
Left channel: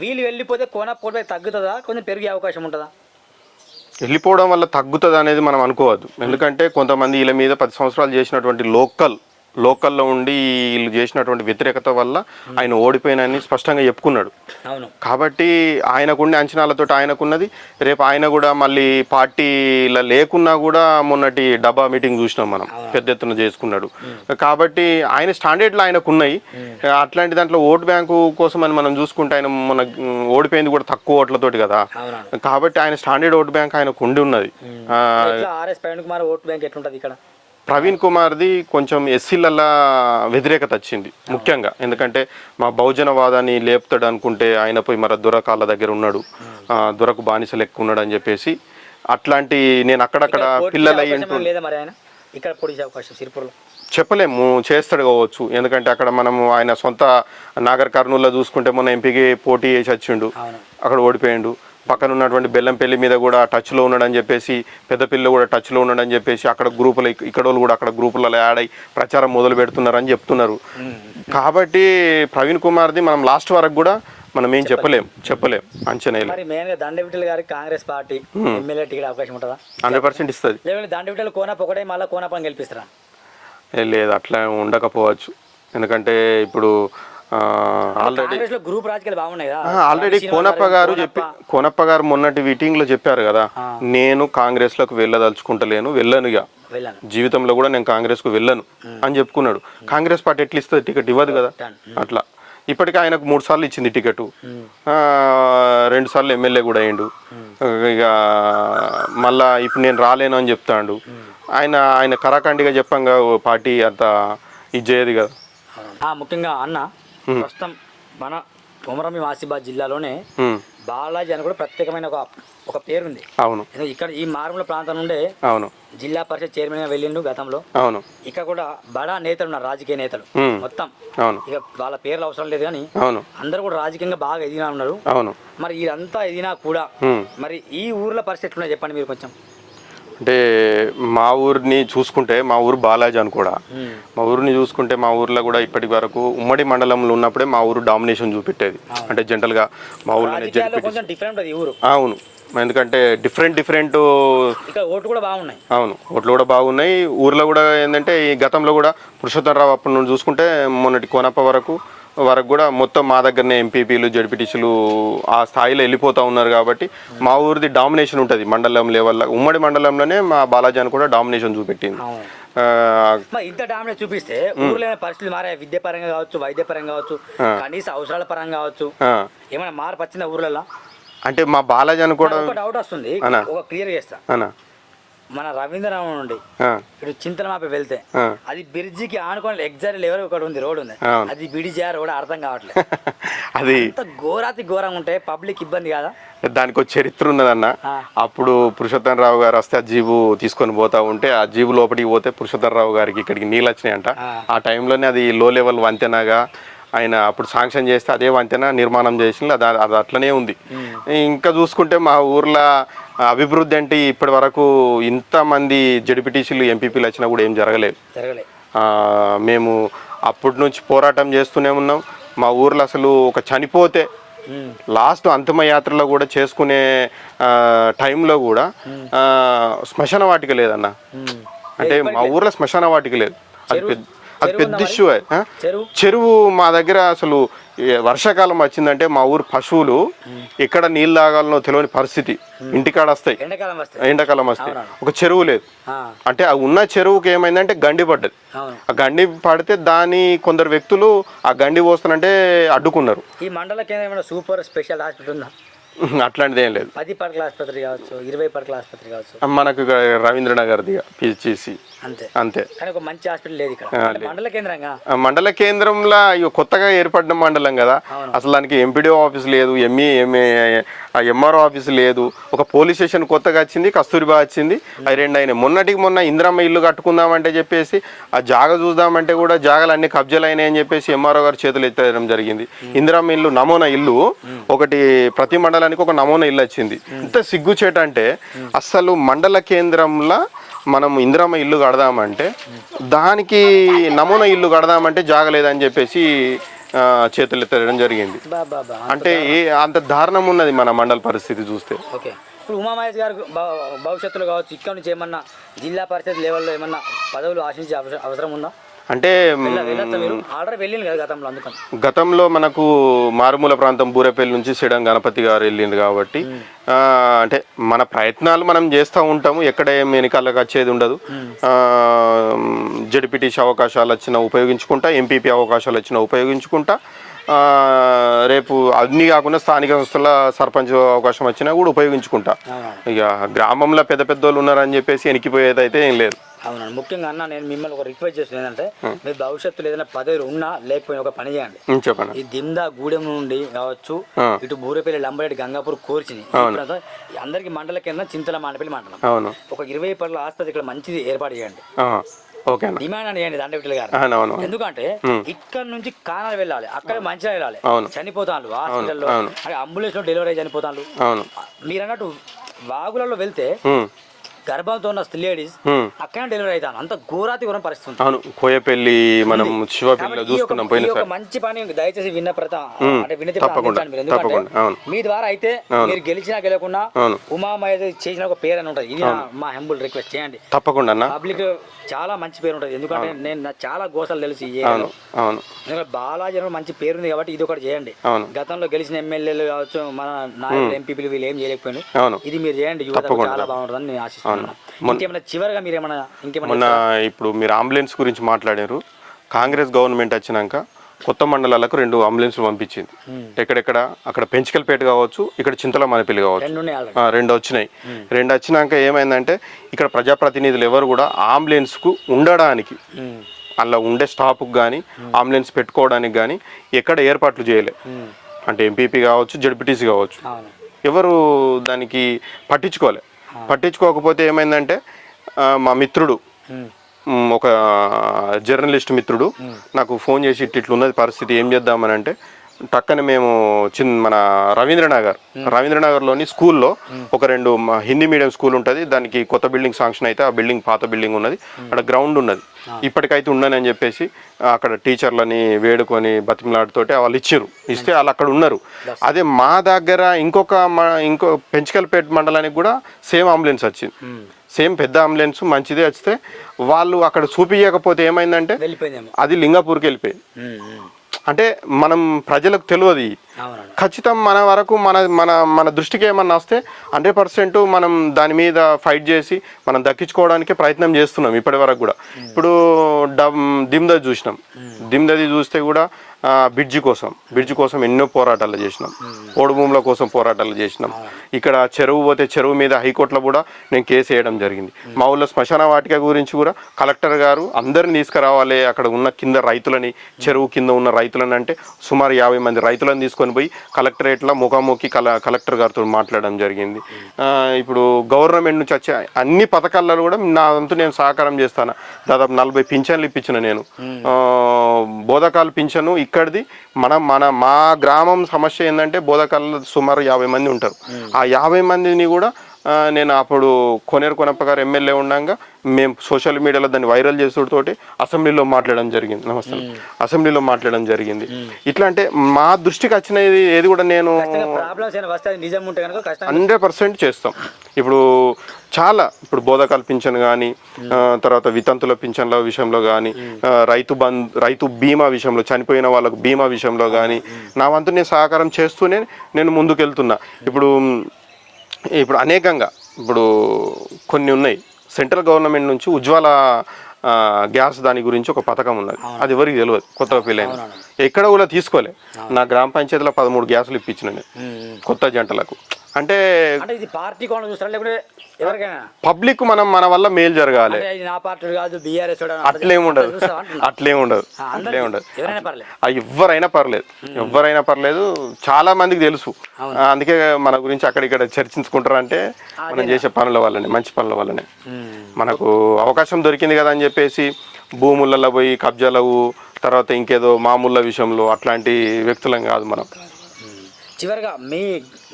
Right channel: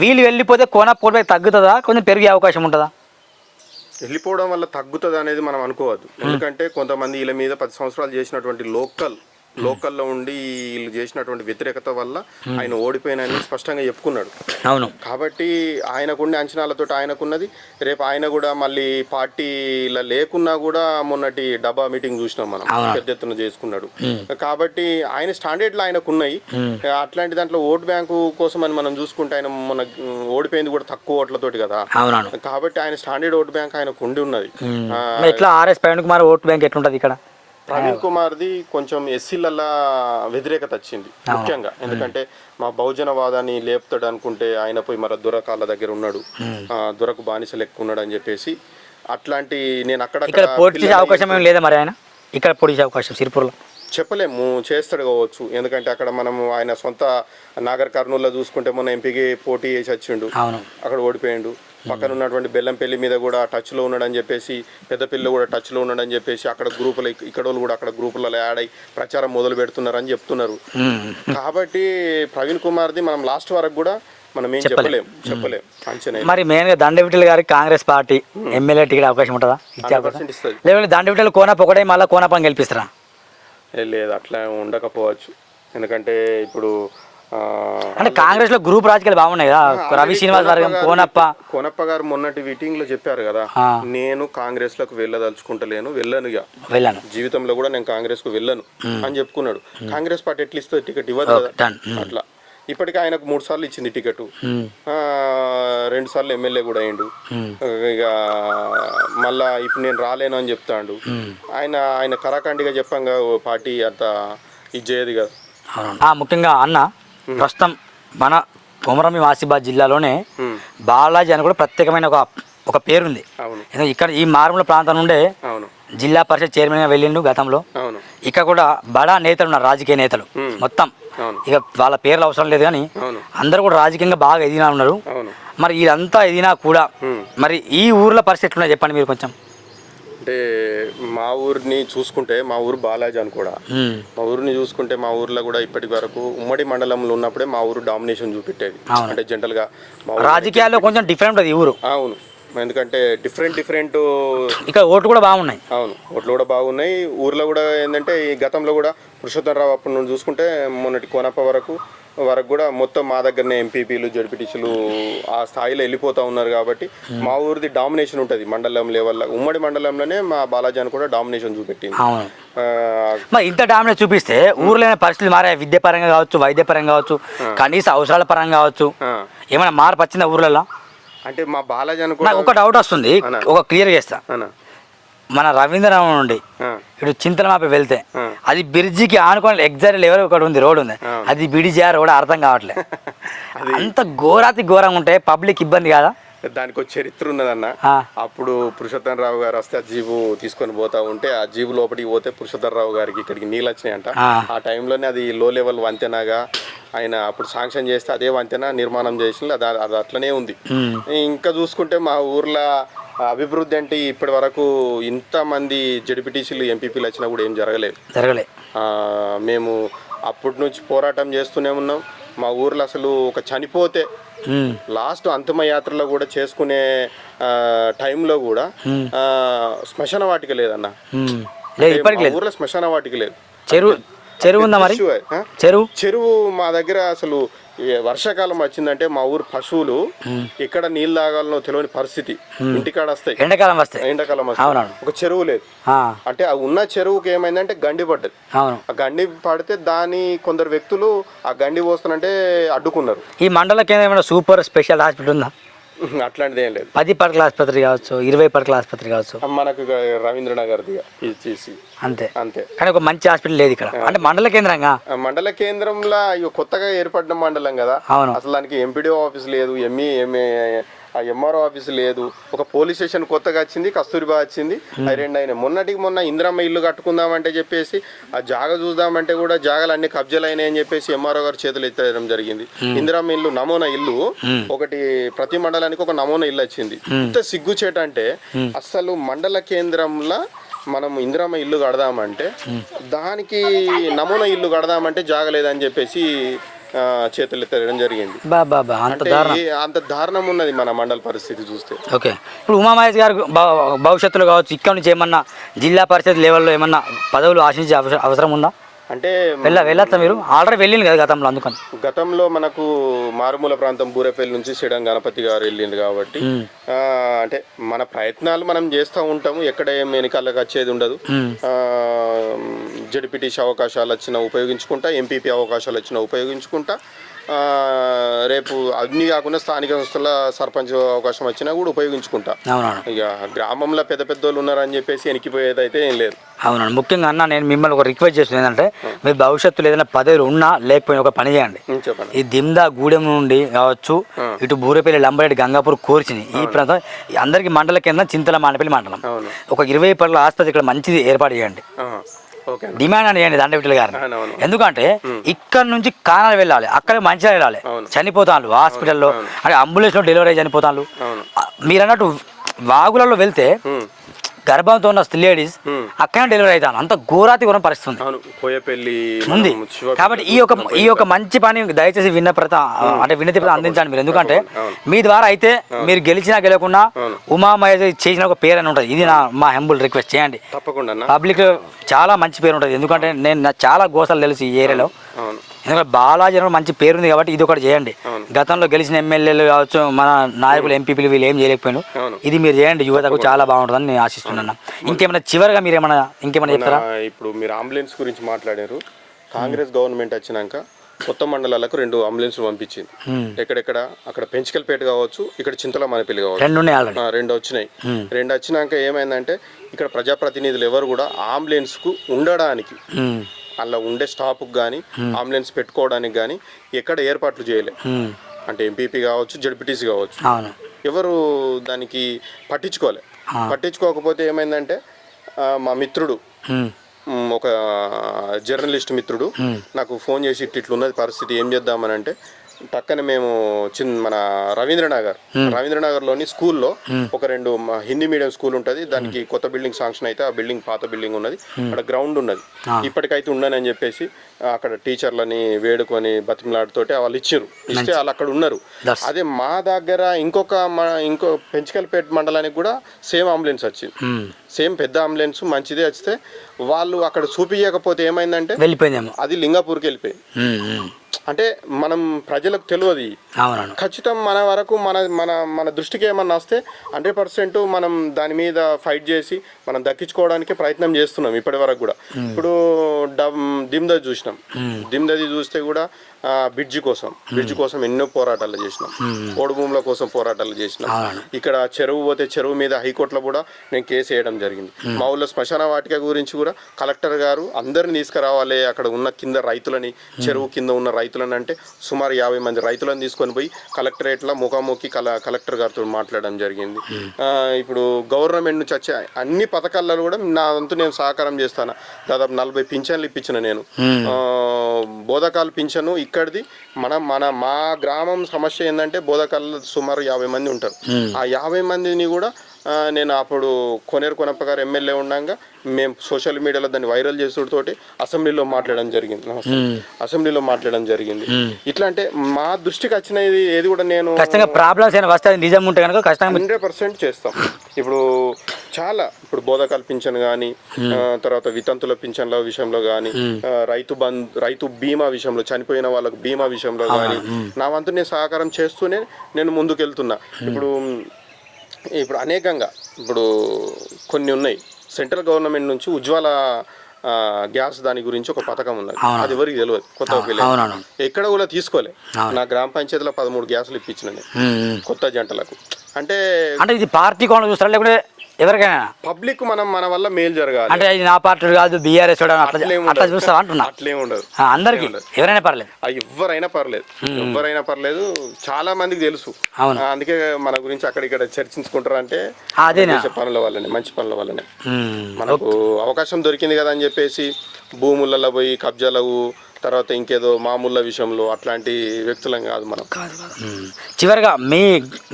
వీళ్ళు వెళ్ళిపోతే కోనప్ప కోల్పోయి తగ్గుతుందా? కొంచెం పెరిగే అవకాశం ఉంటుందా? వెళ్ళిపోవడం వల్ల తగ్గుతుంది అనేది మనం అనుకోవద్దు. ఎందుకంటే కొంతమంది వీళ్ళ మీద పది సంవత్సరాలు చేసినటువంటి లోకల్ లోకల్లో ఉండి వీళ్ళు చేసినటువంటి వ్యతిరేకత వల్ల ఆయన ఓడిపోయినని స్పష్టంగా చెప్పుకున్నాడు. అవును. కాబట్టి ఆయనకుండే అంచనాలతో ఆయనకున్నది. రేపు ఆయన కూడా మళ్ళీ పార్టీల లేకున్నా కూడా మొన్నటి డబ్బా మీటింగ్ చూసినాం మనం. పెద్ద ఎత్తున చేసుకున్నాడు. కాబట్టి ఆయన స్టాండర్డ్లు ఆయనకు ఉన్నాయి అట్లాంటి దాంట్లో ఓట్ బ్యాంకు కోసం అని మనం చూసుకుంటే ఆయన మన ఓడిపోయింది కూడా తక్కువ ఓట్లతోటి కదా. కాబట్టి ఆయన స్టాండర్డ్ ఓట్ బ్యాంక్ ఆయనకు ఉండి ఉన్నది ఎట్లా R S Praveen Kumar vote bank ఎట్లుంటది ఇక్కడ? ప్రవీణ్ కుమార్ది కొంచెం ఎస్సీలల్లా వ్యతిరేకత వచ్చింది ముఖ్యంగా. ఎందుకంటే మా బహుజనవాదాన్ని లేపుతాడు అనుకుంటే ఆయన పోయి మరి దొరకాళ్ళ దగ్గర ఉన్నాడు. ఆ, దొరకు బానిసలు ఎక్కువ ఉన్నాడు అని చెప్పేసి అట్లాంటి నేను అక్కడక్కడ అవకాశం ఏం లేదా మరి ఆయన? ఇక్కడ పోటీ చేసే అవకాశం సిరిపూర్లో? చెప్పలేము చేస్తాడు కావచ్చు. ఎందుకంటే అక్కడ మనము ఆయన సొంత నాగర్ కర్నూలులో చూసుకుంటే మొన్న ఎంపీకి పోటీ చేసి వచ్చిండు. అక్కడ ఓడిపోయిండు. పక్కన ఉన్నటువంటి బెల్లంపల్లి మీద కూడా టచ్లో ఉన్నాడని చెప్పేసి పెద్దపిల్ల కూడా టచ్లో ఉన్నాడని చెప్పేసి అక్కడ గ్రూపులు ఇక్కడ వాళ్ళు కూడా అక్కడ గ్రూపులలో యాడ్ అయ్యి ప్రచారం మొదలు పెడుతున్నారని చెప్తున్నారు. కాబట్టి ప్రవీణ్ కుమార్ది మనం లాస్ట్ వరకు కూడా మనం ఏం చెప్పలేం. చెప్పలేం అంచనా మరి మెయిన్గా దండ విఠల్ గారికి కాంగ్రెస్ పార్టీ ఎమ్మెల్యే టికెట్ అవకాశం ఉంటుందా? హండ్రెడ్ పర్సెంట్ ఇస్తుంది. లేదంటే దండ విఠల్ కోనప్ప ఒకటే మళ్ళీ కోనప్పని గెలిపిస్తారా? లేదు అట్లా ఉండకపోవచ్చు. ఎందుకంటే ఇప్పుడు కాంగ్రెస్లో గ్రూప్ రాజకీయాలు బాగున్నాయి కదా. కోనప్ప గారు కోనప్ప. మొన్నటి మీటింగ్లో చెప్పారు కదా. నేను కాంగ్రెస్లోకి వెళ్ళదలుచుకుంటలేను వెళ్ళాను జీవితంలో కూడా నేను కాంగ్రెస్కు వెళ్ళను అని చెప్పుకున్నాడు. కాంగ్రెస్ పార్టీ ఎట్లా ఇస్తుంది టికెట్ ఇవ్వదు కదా. అట్లా. ఇప్పటికే ఆయనకు మూడు సార్లు ఇచ్చింది టికెట్. రెండు సార్లు ఎమ్మెల్యే కూడా అయిండు ఇక మళ్ళా ఇప్పుడు నేను రాలేను అని చెప్తాడు. ఆయన ఆయన కరాఖండిగా చెప్పంగా పార్టీ అంత ఇది చేయదు కదా. ముఖ్యంగా అన్న ప్రస్తుతం మన కొమరంభీం ఆసిఫాబాద్ జిల్లాలోనే బాలాజీ అని కూడా ప్రత్యేకమైన ఒక ఒక పేరుంది. అవును. ఎందుకంటే ఇక్కడ ఈ మారుమూల ప్రాంతం నుండే అవును. జిల్లా పరిషత్ చైర్మన్గా వెళ్ళిండు గతంలో. అవును. ఇక్కడ కూడా బడా నేతలు ఉన్నారు రాజకీయ నేతలు. మొత్తం. అవును. ఇక వాళ్ళ పేర్లు అవసరం లేదు కానీ అవును. అందరూ కూడా రాజకీయంగా బాగా ఎదిగినా ఉన్నారు. అవును. మరి ఇదంతా ఎదిగినా కూడా. మరి ఈ ఊర్లో పరిస్థితి ఎట్లున్నాయి చెప్పండి మీరు కొంచెం. అంటే మా ఊరిని చూసుకుంటే మా ఊరు బాలాజీ అని కూడా. మ్. ఊరిని చూసుకుంటే మా ఊర్లో కూడా ఇప్పటి వరకు ఉమ్మడి మండలంలో ఉన్నప్పుడే మా ఊరు డామినేషన్ చూపెట్టేది. అంటే జనరల్గా మా ఊరు రాజకీయాల్లో కొంచెం డిఫరెంట్ ఈ ఊరు. అవును. ఎందుకంటే డిఫరెంట్ డిఫరెంట్ ఇక్కడ ఓట్లు కూడా బాగున్నాయి. అవును. ఓట్లు కూడా బాగున్నాయి. ఊర్లో కూడా ఏంటంటే ఈ గతంలో కూడా పురుషోత్తమరావు అప్పటి నుండి చూసుకుంటే మొన్నటి కోనప్ప వరకు వరకు కూడా మొత్తం మా దగ్గరనే ఎంపీపీలు జడ్పీటీసీలు ఆ స్థాయిలో వెళ్ళిపోతూ ఉన్నారు కాబట్టి మా ఊరిది డామినేషన్ ఉంటుంది మండలం లెవెల్లో ఉమ్మడి మండలంలోనే మా బాలాజీ అని కూడా డామినేషన్ చూపెట్టింది. మరి ఇంత డామినేట్ చూపిస్తే ఊర్లో పరిస్థితులు మారాయి. విద్య పరంగా కావచ్చు వైద్య పరంగా కావచ్చు కనీస అవసరాల పరంగా కావచ్చు. ఏమైనా మార్పు వచ్చిందా ఊర్లలో? అంటే మా బాలాజీ అని కూడా ఒక డౌట్ వస్తుంది. ఒక క్లియర్ చేస్తా. మన రవీంద్రనాథ్ నుండి ఇటు చింతలమాపి వెళ్తే. అది బ్రిడ్జికి ఆనుకొని ఎగ్జాక్ట్ లెవెల్ ఒకటి ఉంది రోడ్ ఉంది. అది బిడిజారు కూడా అర్థం కావట్లేదు [laughs] అది అంత ఘోరాతి ఘోరంగా ఉంటే పబ్లిక్ ఇబ్బంది కాదా దానికి ఒక చరిత్ర ఉన్నదన్న. అప్పుడు పురుషోత్తమ రావు గారు వస్తే ఆ జీబు తీసుకొని పోతా ఉంటే ఆ జీబు లోపలికి పోతే పురుషోత్తమ రావు గారికి ఇక్కడికి నీళ్ళు వచ్చినాయంట ఆ. టైంలోనే అది లో లెవెల్ వంతెనగా ఆయన అప్పుడు శాంక్షన్ చేస్తే అదే వంతెన నిర్మాణం చేసి అది అది అట్లనే ఉంది ఇంకా చూసుకుంటే మా ఊర్లో అభివృద్ధి అంటే ఇప్పటి వరకు ఇంతమంది జడిపిటీసీలు ఎంపీపీలు వచ్చినా కూడా ఏం జరగలేదు. జరగలే. ఆ, మేము అప్పటి నుంచి పోరాటం చేస్తూనే ఉన్నాం. మా ఊర్లో అసలు ఒక చనిపోతే. లాస్ట్ అంతిమ యాత్రలో కూడా చేసుకునే టైంలో కూడా శ్మశాన వాటిక లేదన్న. అంటే మా ఊర్లో శ్మశాన వాటిక లేదు. చెరువు చెరువు? చెరువు మా దగ్గర అసలు వర్షాకాలం వచ్చిందంటే మా ఊరు పశువులు ఎక్కడ నీళ్ళు తాగాలనో తెలియని పరిస్థితి. ఇంటికాడ వస్తాయి. ఎండాకాలం వస్తే ఎండాకాలం వస్తాయి. ఒక చెరువు లేదు. అంటే ఆ ఉన్న చెరువుకి ఏమైందంటే గండి పడ్డది. ఆ గండి పడితే దాని కొందరు వ్యక్తులు ఆ గండి పోస్తానంటే అడ్డుకున్నారు. ఈ మండల కేంద్రం ఏమైనా సూపర్ స్పెషల్ హాస్పిటల్ ఉందా? అట్లాంటిది ఏం లేదు. పది పడకల ఆసుపత్రి కావచ్చు ఇరవై పడకల ఆసుపత్రి కావచ్చు. మనకు ఇక రవీంద్రనగర్ది పిచిసి అంతే. అంతే. కానీ ఒక మంచి హాస్పిటల్ లేదు ఇక్కడ. అంటే మండల కేంద్రంగా? మండల కేంద్రంలో కొత్తగా ఏర్పడిన మండలం కదా. అసలు దానికి ఎంపీడీఓ ఆఫీస్ లేదు ఎంఈ ఎంఏ ఎంఆర్ఓ ఆఫీస్ లేదు. ఒక పోలీస్ స్టేషన్ కొత్తగా వచ్చింది కస్తూరిబా వచ్చింది. అవి రెండు అయినాయి. మొన్నటికి మొన్న ఇందిరమ్మ ఇల్లు కట్టుకుందామంటే చెప్పేసి ఆ జాగ చూద్దామంటే కూడా జాగలు అన్ని కబ్జాలు అయినాయి అని చెప్పేసి ఎంఆర్ఓ గారు చేతులు ఎత్తేయడం జరిగింది. ఇందిరమ్మ ఇల్లు నమూనా ఇల్లు ఒకటి ప్రతి మండలానికి ఒక నమూనా ఇల్లు వచ్చింది. ఇంత సిగ్గుచేట అంటే అసలు మండల కేంద్రంలో మనం ఇందిరమ్మ ఇల్లు కడదామంటే దానికి నమూనా ఇల్లు కడదామంటే జాగలేదని చెప్పేసి చేతులు ఎత్తడం జరిగింది. అంటే అంత దారుణం ఉన్నది మన మండల పరిస్థితి చూస్తే. ఓకే. ఇప్పుడు ఉమామహేష్ గారు భవిష్యత్తులో కావచ్చు ఇక్కడ నుంచి ఏమన్నా జిల్లా పరిషత్ లెవెల్లో ఏమన్నా పదవులు ఆశించే అవస- అవసరం ఉందా? అంటే వెళ్ళ వెళ్ళొచ్చా మీరు. ఆల్రెడీ వెళ్ళింది కదా గతంలో అందుకని. గతంలో మనకు మారుమూల ప్రాంతం బూరపల్లి నుంచి శ్రీడం గణపతి గారు వెళ్ళింది కాబట్టి అంటే మన ప్రయత్నాలు మనం చేస్తూ ఉంటాము. ఎక్కడ ఏం వెనకాలకు వచ్చేది ఉండదు. జడిపిటీసీ అవకాశాలు వచ్చినా ఉపయోగించుకుంటా ఎంపీపీ అవకాశాలు వచ్చినా ఉపయోగించుకుంటా రేపు అన్ని కాకుండా స్థానిక సంస్థల సర్పంచ్ అవకాశం వచ్చినా కూడా ఉపయోగించుకుంటా. ఇక గ్రామంలో పెద్ద పెద్ద వాళ్ళు ఉన్నారని చెప్పేసి వెనక్కిపోయేది అయితే ఏం లేదు. అవునండి. ముఖ్యంగా అన్న నేను మిమ్మల్ని ఒక రిక్వెస్ట్ చేస్తుంది ఏంటంటే మీరు భవిష్యత్తులో ఏదైనా పదవులు ఉన్నా లేకపోయినా ఒక పని చేయండి. ఈ దిమ్దా గూడెం నుండి కావచ్చు ఇటు బూరపల్లి లంబరెడ్డి గంగాపూర్ కోర్చిని ఈ ప్రాంతం అందరికి మండల కింద చింతల మానపల్లి మండలం. ఒక ఇరవై పనుల ఆసుపత్రి ఇక్కడ మంచిది ఏర్పాటు చేయండి. డిమాండ్ అని చేయండి దండ విట్టలు గారు ఎందుకంటే ఇక్కడ నుంచి కానాలు వెళ్ళాలి. అక్కడ మంచిగా వెళ్ళాలి. చనిపోతాను హాస్పిటల్లో. అంటే అంబులెన్స్లో డెలివరీ చనిపోతాను మీరు అన్నట్టు వాగులలో వెళ్తే. గర్భంతో ఉన్న లేడీస్. అక్కడే డెలివరీ అవుతాను. అంత ఘోరాతి ఘోరం పరిస్థితి అవును కోయపల్లి కాబట్టి ఈ యొక్క ఈ యొక్క మంచి పని దయచేసి విన్న ప్రత అంటే వినతి ప్రత అందించండి మీరు. ఎందుకంటే. మీ ద్వారా అయితే మీరు గెలిచినా గెలవకుండా అవును. ఉమా మహేష్ చేసిన ఒక పేరు అని ఉంటుంది. ఇది నా మా హెంబుల్ రిక్వెస్ట్ చేయండి. తప్పకుండా పబ్లిక్ చాలా మంచి పేరు ఉంటుంది. ఎందుకంటే నేను చాలా గోసాలు తెలుసు ఈ ఏరియాలో. అవును. బాలాజీ అని మంచి పేరుంది కాబట్టి ఇది ఒకటి చేయండి. గతంలో గెలిచిన ఎమ్మెల్యేలు కావచ్చు మన నాయకులు ఎంపీపీలు వీళ్ళు ఏం చేయలేకపోయాను. ఇది మీరు చేయండి యువతకు చాలా బాగుంటుందని నేను ఆశిస్తున్నాను ఇంకేమైనా చివరిగా మీరు ఏమైనా ఇంకేమైనా ఇప్పుడు మీరు అంబులెన్స్ గురించి మాట్లాడారు. కాంగ్రెస్ గవర్నమెంట్ వచ్చినాక కొత్త మండలాలకు రెండు అంబులెన్స్లు పంపించింది. ఎక్కడెక్కడ? అక్కడ పెంచికల్పేట కావచ్చు ఇక్కడ చింతల మనపల్లి కావచ్చు. రెండు వచ్చినాయి. రెండు వచ్చినాక ఏమైందంటే ఇక్కడ ప్రజాప్రతినిధులు ఎవరు కూడా అంబులెన్స్కు ఉండడానికి అలా ఉండే స్టాఫ్కి కానీ అంబులెన్స్ పెట్టుకోవడానికి కానీ ఎక్కడ ఏర్పాట్లు చేయలే. అంటే ఎంపీపీ కావచ్చు జడ్పీటీసీ కావచ్చు. ఎవరు దానికి పట్టించుకోలే. పట్టించుకోకపోతే ఏమైందంటే మా మిత్రుడు ఒక జర్నలిస్ట్ మిత్రుడు నాకు ఫోన్ చేసి ఇట్లా ఇట్లా ఉన్నది పరిస్థితి ఏం చేద్దామని అంటే పక్కన మేము చిన్న మన రవీంద్రనగర్ రవీంద్రనగర్లోని స్కూల్లో ఒక రెండు హిందీ మీడియం స్కూల్ ఉంటుంది. దానికి కొత్త బిల్డింగ్ శాంక్షన్ అయితే ఆ బిల్డింగ్ పాత బిల్డింగ్ ఉన్నది. అక్కడ గ్రౌండ్ ఉన్నది. ఇప్పటికైతే ఉండని అని చెప్పేసి అక్కడ టీచర్లని వేడుకొని బతిమలాడుతోటి వాళ్ళు ఇచ్చారు ఇస్తే వాళ్ళు అక్కడ ఉన్నారు. అదే మా దగ్గర ఇంకొక మా ఇంకో పెంచికల్పేట మండలానికి కూడా సేమ్ అంబులెన్స్ వచ్చింది. సేమ్ పెద్ద అంబులెన్స్ మంచిదే వస్తే వాళ్ళు అక్కడ చూపించకపోతే ఏమైందంటే వెళ్ళిపోయిందేమో. అది లింగాపూర్కి వెళ్ళిపోయింది. అంటే మనం ప్రజలకు తెలియదు ఖచ్చితం మన వరకు మన మన మన దృష్టికి ఏమన్నా వస్తే హండ్రెడ్ పర్సెంట్ మనం దాని మీద ఫైట్ చేసి మనం దక్కించుకోవడానికి ప్రయత్నం చేస్తున్నాం ఇప్పటి వరకు కూడా. ఇప్పుడు డమ్ దిమ్దది చూసినాం. దిమ్దది చూస్తే కూడా బ్రిడ్జి కోసం. బ్రిడ్జి కోసం ఎన్నో పోరాటాలు చేసినాం. ఓడు భూముల కోసం పోరాటాలు చేసినాం. ఇక్కడ చెరువు పోతే చెరువు మీద హైకోర్టులో కూడా నేను కేసు వేయడం జరిగింది. మా ఊళ్ళో శ్మశాన వాటిక గురించి కూడా కలెక్టర్ గారు అందరిని తీసుకురావాలి. అక్కడ ఉన్న కింద రైతులని చెరువు కింద ఉన్న రైతులని అంటే సుమారు యాభై మంది రైతులను తీసుకొని పోయి కలెక్టరేట్లో ముఖాముఖి కల కలెక్టర్ గారితో మాట్లాడడం జరిగింది. ఆ, ఇప్పుడు గవర్నమెంట్ నుంచి వచ్చే అన్ని పథకాలలో కూడా నా వంతు నేను సహకారం చేస్తాను. దాదాపు నలభై పింఛన్లు ఇప్పించిన నేను. ఆ, బోధకాలు పింఛను ఇక్కడిది మన మన మా గ్రామం సమస్య ఏంటంటే బోధకాలలో సుమారు యాభై మంది ఉంటారు. ఆ యాభై మందిని కూడా నేను అప్పుడు కొనేరు కొనప్ప గారు ఎమ్మెల్యే ఉండగా మేము సోషల్ మీడియాలో దాన్ని వైరల్ చేసుడుతోటి అసెంబ్లీలో మాట్లాడడం జరిగింది. నమస్తే. అసెంబ్లీలో మాట్లాడడం జరిగింది. ఇట్లా అంటే మా దృష్టికి వచ్చినది ఏది కూడా నేను ప్రాబ్లమ్స్ ఏమైనా వస్తే అది నిజం ఉంటే కనుక ఖచ్చితంగా హండ్రెడ్ పర్సెంట్ చేస్తాం. ఇప్పుడు చాలా ఇప్పుడు బోధకాల పింఛన్ కానీ తర్వాత వితంతుల పింఛన్ల విషయంలో కానీ రైతు బంద్ రైతు బీమా విషయంలో చనిపోయిన వాళ్ళకు బీమా విషయంలో కానీ నా వంతు నేను సహకారం చేస్తూనే నేను ముందుకెళ్తున్నా. ఇప్పుడు ఇప్పుడు అనేకంగా ఇప్పుడు కొన్ని ఉన్నాయి. సెంట్రల్ గవర్నమెంట్ నుంచి ఉజ్వల గ్యాస్ దాని గురించి ఒక పథకం ఉన్నది. అది ఎవరికి తెలియదు అవునవును. ఎక్కడ కూడా తీసుకోలే. నా గ్రామ పంచాయతీలో పదమూడు గ్యాసులు ఇప్పించిన. కొత్త జంటలకు. అంటే అంటే ఇది పార్టీ కోణం చూస్తారా? లేకుంటే ఎవరికైనా? పబ్లిక్ మనం మన వల్ల మేలు జరగాలి. అంటే ఇది నా పార్టీ కాదు బీఆర్ఎస్ అట్లేం ఉండదు. చూస్తావా అంటున్నా? అట్లేం ఉండదు ఆ, అందరికీ. ఎవరైనా పర్లేదు. ఆ, ఎవ్వరైనా పర్లేదు. ఎవ్వరైనా పర్లేదు. చాలా మందికి తెలుసు. అందుకే మన గురించి అక్కడిక్కడ చర్చించుకుంటారు అంటే? చేసే పనుల వల్లనే మంచి పనుల వల్లనే. మనకు అవకాశం దొరికింది కదా అని చెప్పేసి భూములలో పోయి కబ్జాలకు తర్వాత ఇంకేదో మామూళ్ళ విషయంలో అట్లాంటి వ్యక్తులం కాదు మనం. చివరిగా మీ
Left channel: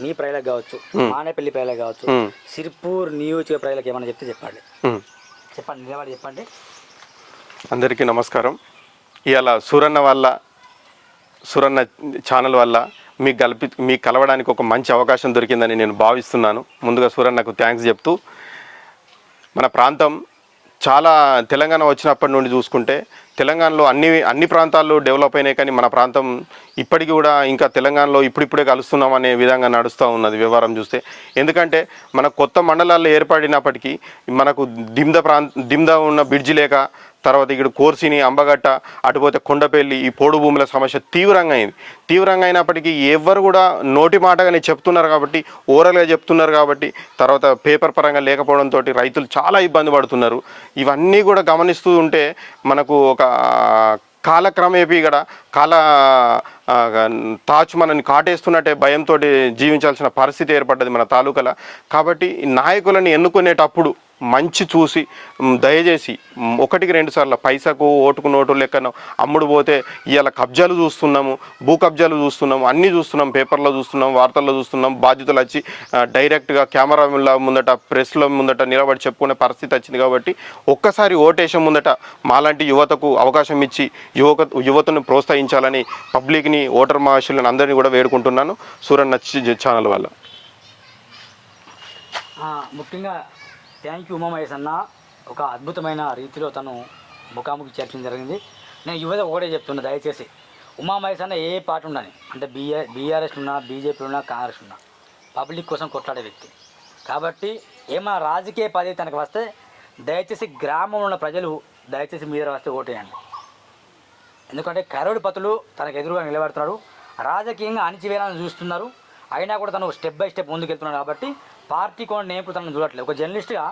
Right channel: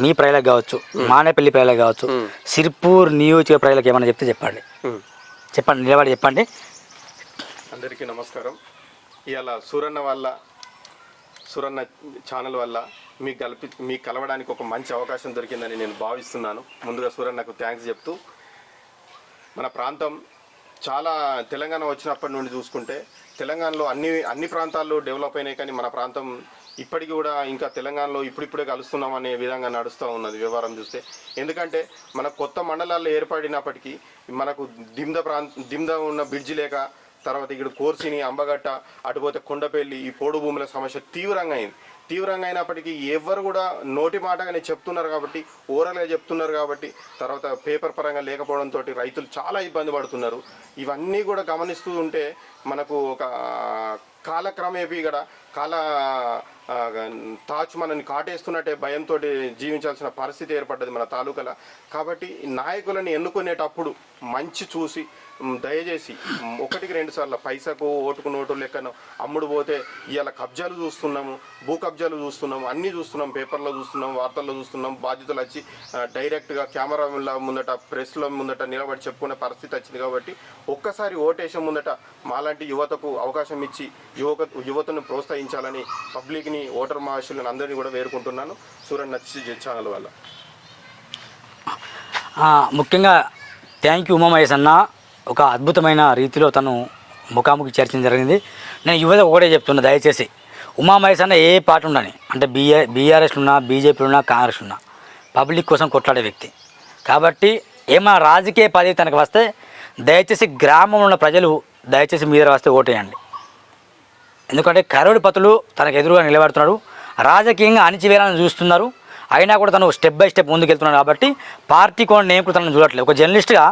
మీ ప్రజలకు కావచ్చు మానేపల్లి ప్రజలకు కావచ్చు. సిర్పూర్ నియోజక ప్రజలకు ఏమైనా చెప్తే చెప్పండి. చెప్పండి నిలబడి చెప్పండి అందరికీ నమస్కారం ఇవాళ సూరన్న వల్ల సూరన్న ఛానల్ వల్ల మీకు కల్పి మీకు కలవడానికి ఒక మంచి అవకాశం దొరికిందని నేను భావిస్తున్నాను ముందుగా సూరన్నకు థ్యాంక్స్ చెప్తూ మన ప్రాంతం చాలా తెలంగాణ వచ్చినప్పటి నుండి చూసుకుంటే తెలంగాణలో అన్ని అన్ని ప్రాంతాల్లో డెవలప్ అయినాయి కానీ మన ప్రాంతం ఇప్పటికీ కూడా ఇంకా తెలంగాణలో ఇప్పుడిప్పుడే కలుస్తున్నాం అనే విధంగా నడుస్తూ ఉన్నది వ్యవహారం చూస్తే. ఎందుకంటే మన కొత్త మండలాల్లో ఏర్పడినప్పటికీ మనకు దిమ్ద ప్రాంత దిమ్ద ఉన్న బ్రిడ్జి లేక తర్వాత ఇక్కడ కోర్సిని అంబగట్ట అటుపోతే కొండపల్లి ఈ పోడు భూముల సమస్య తీవ్రంగా అయింది. తీవ్రంగా అయినప్పటికీ ఎవరు కూడా నోటి మాటగానే చెప్తున్నారు కాబట్టి ఓరల్గా చెప్తున్నారు కాబట్టి తర్వాత పేపర్ పరంగా లేకపోవడంతో రైతులు చాలా ఇబ్బంది పడుతున్నారు. ఇవన్నీ కూడా గమనిస్తూ ఉంటే మనకు ఒక కాలక్రమేపీ ఇక్కడ కాల తాచు మనని కాటేస్తున్నట్టే భయంతో జీవించాల్సిన పరిస్థితి ఏర్పడ్డది మన తాలూకాల. కాబట్టి నాయకులను ఎన్నుకునేటప్పుడు మంచి చూసి దయచేసి ఒకటికి రెండు సార్లు పైసకు ఓటుకు నోటు లెక్కన అమ్ముడు పోతే ఇవాళ కబ్జాలు చూస్తున్నాము భూ కబ్జాలు చూస్తున్నాము అన్నీ చూస్తున్నాం పేపర్లో చూస్తున్నాం వార్తల్లో చూస్తున్నాం బాధ్యతలు వచ్చి డైరెక్ట్గా కెమెరా ముందట ప్రెస్లో ముందట నిలబడి చెప్పుకునే పరిస్థితి వచ్చింది కాబట్టి ఒక్కసారి ఓటేసే ముందట మాలాంటి యువతకు అవకాశం ఇచ్చి యువక యువతను ప్రోత్సహించాలని పబ్లిక్ని ఓటర్ మహాశులను అందరినీ కూడా వేడుకుంటున్నాను. సూరన్న చి- ఛానల్ వల్ల ముఖ్యంగా థ్యాంక్ యూ ఉమామహేష్ అన్న. ఒక అద్భుతమైన రీతిలో తను ముఖాముఖి చర్చించడం జరిగింది. నేను యువత ఒకటే చెప్తున్నా దయచేసి. ఉమామహేష్ అన్న ఏ పార్టీ ఉండని అంటే బీఆర్ బీఆర్ఎస్లు ఉన్నా బీజేపీలు ఉన్నా కాంగ్రెస్ ఉన్నా పబ్లిక్ కోసం కొట్లాడే వ్యక్తి. కాబట్టి ఏమైనా రాజకీయ పదవి తనకు వస్తే దయచేసి గ్రామంలో ఉన్న ప్రజలు దయచేసి మీద వస్తే ఓటేయండి. ఎందుకంటే కరుడు పతులు తనకు ఎదురుగా నిలబడుతున్నాడు రాజకీయంగా అణిచివేయాలని చూస్తున్నారు. అయినా కూడా తను స్టెప్ బై స్టెప్ ముందుకెళ్తున్నాడు కాబట్టి పార్టీ కూడా నేను కూడా తనను చూడట్లేదు. ఒక జర్నలిస్ట్గా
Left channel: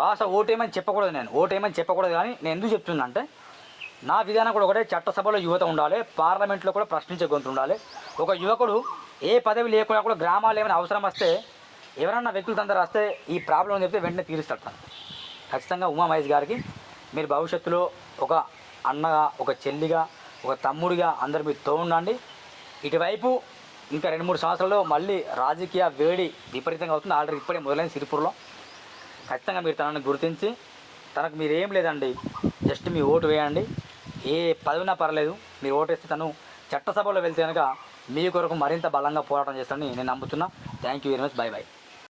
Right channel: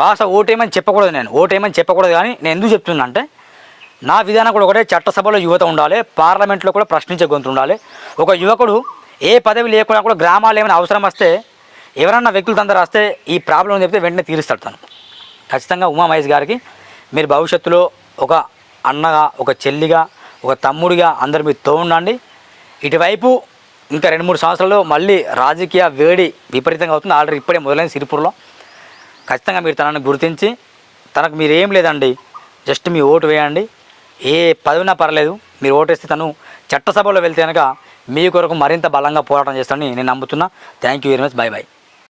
వాస ఓటేమని చెప్పకూడదు నేను. ఓటేమని చెప్పకూడదు కానీ నేను ఎందుకు చెప్తున్నా అంటే నా విధానం కూడా ఒకటే చట్టసభలో యువత ఉండాలి పార్లమెంట్లో కూడా ప్రశ్నించే గొంతు ఉండాలి. ఒక యువకుడు ఏ పదవి లేకుండా కూడా గ్రామాలు ఏమైనా అవసరం వస్తే ఎవరన్నా వ్యక్తులు అందరూ వస్తే ఈ ప్రాబ్లం చెప్తే వెంటనే తీరుస్తాడు తను. ఖచ్చితంగా ఉమా మహేష్ గారికి మీరు భవిష్యత్తులో ఒక అన్నగా ఒక చెల్లిగా ఒక తమ్ముడిగా అందరు మీరు తోండండి ఇటువైపు ఇంకా రెండు మూడు సంవత్సరాలు మళ్ళీ రాజకీయ వేడి విపరీతంగా అవుతుంది. ఆల్రెడీ ఇప్పుడే మొదలైన సిరిపూర్లో. ఖచ్చితంగా మీరు తనని గుర్తించి తనకు మీరు ఏం లేదండి జస్ట్ మీ ఓటు వేయండి. ఏ పదవినా పర్లేదు మీరు ఓటేస్తే తను చట్టసభలో వెళ్తే కనుక మీ కొరకు మరింత బలంగా పోరాటం చేస్తానని నేను నమ్ముతున్నా. Thank you very much bye bye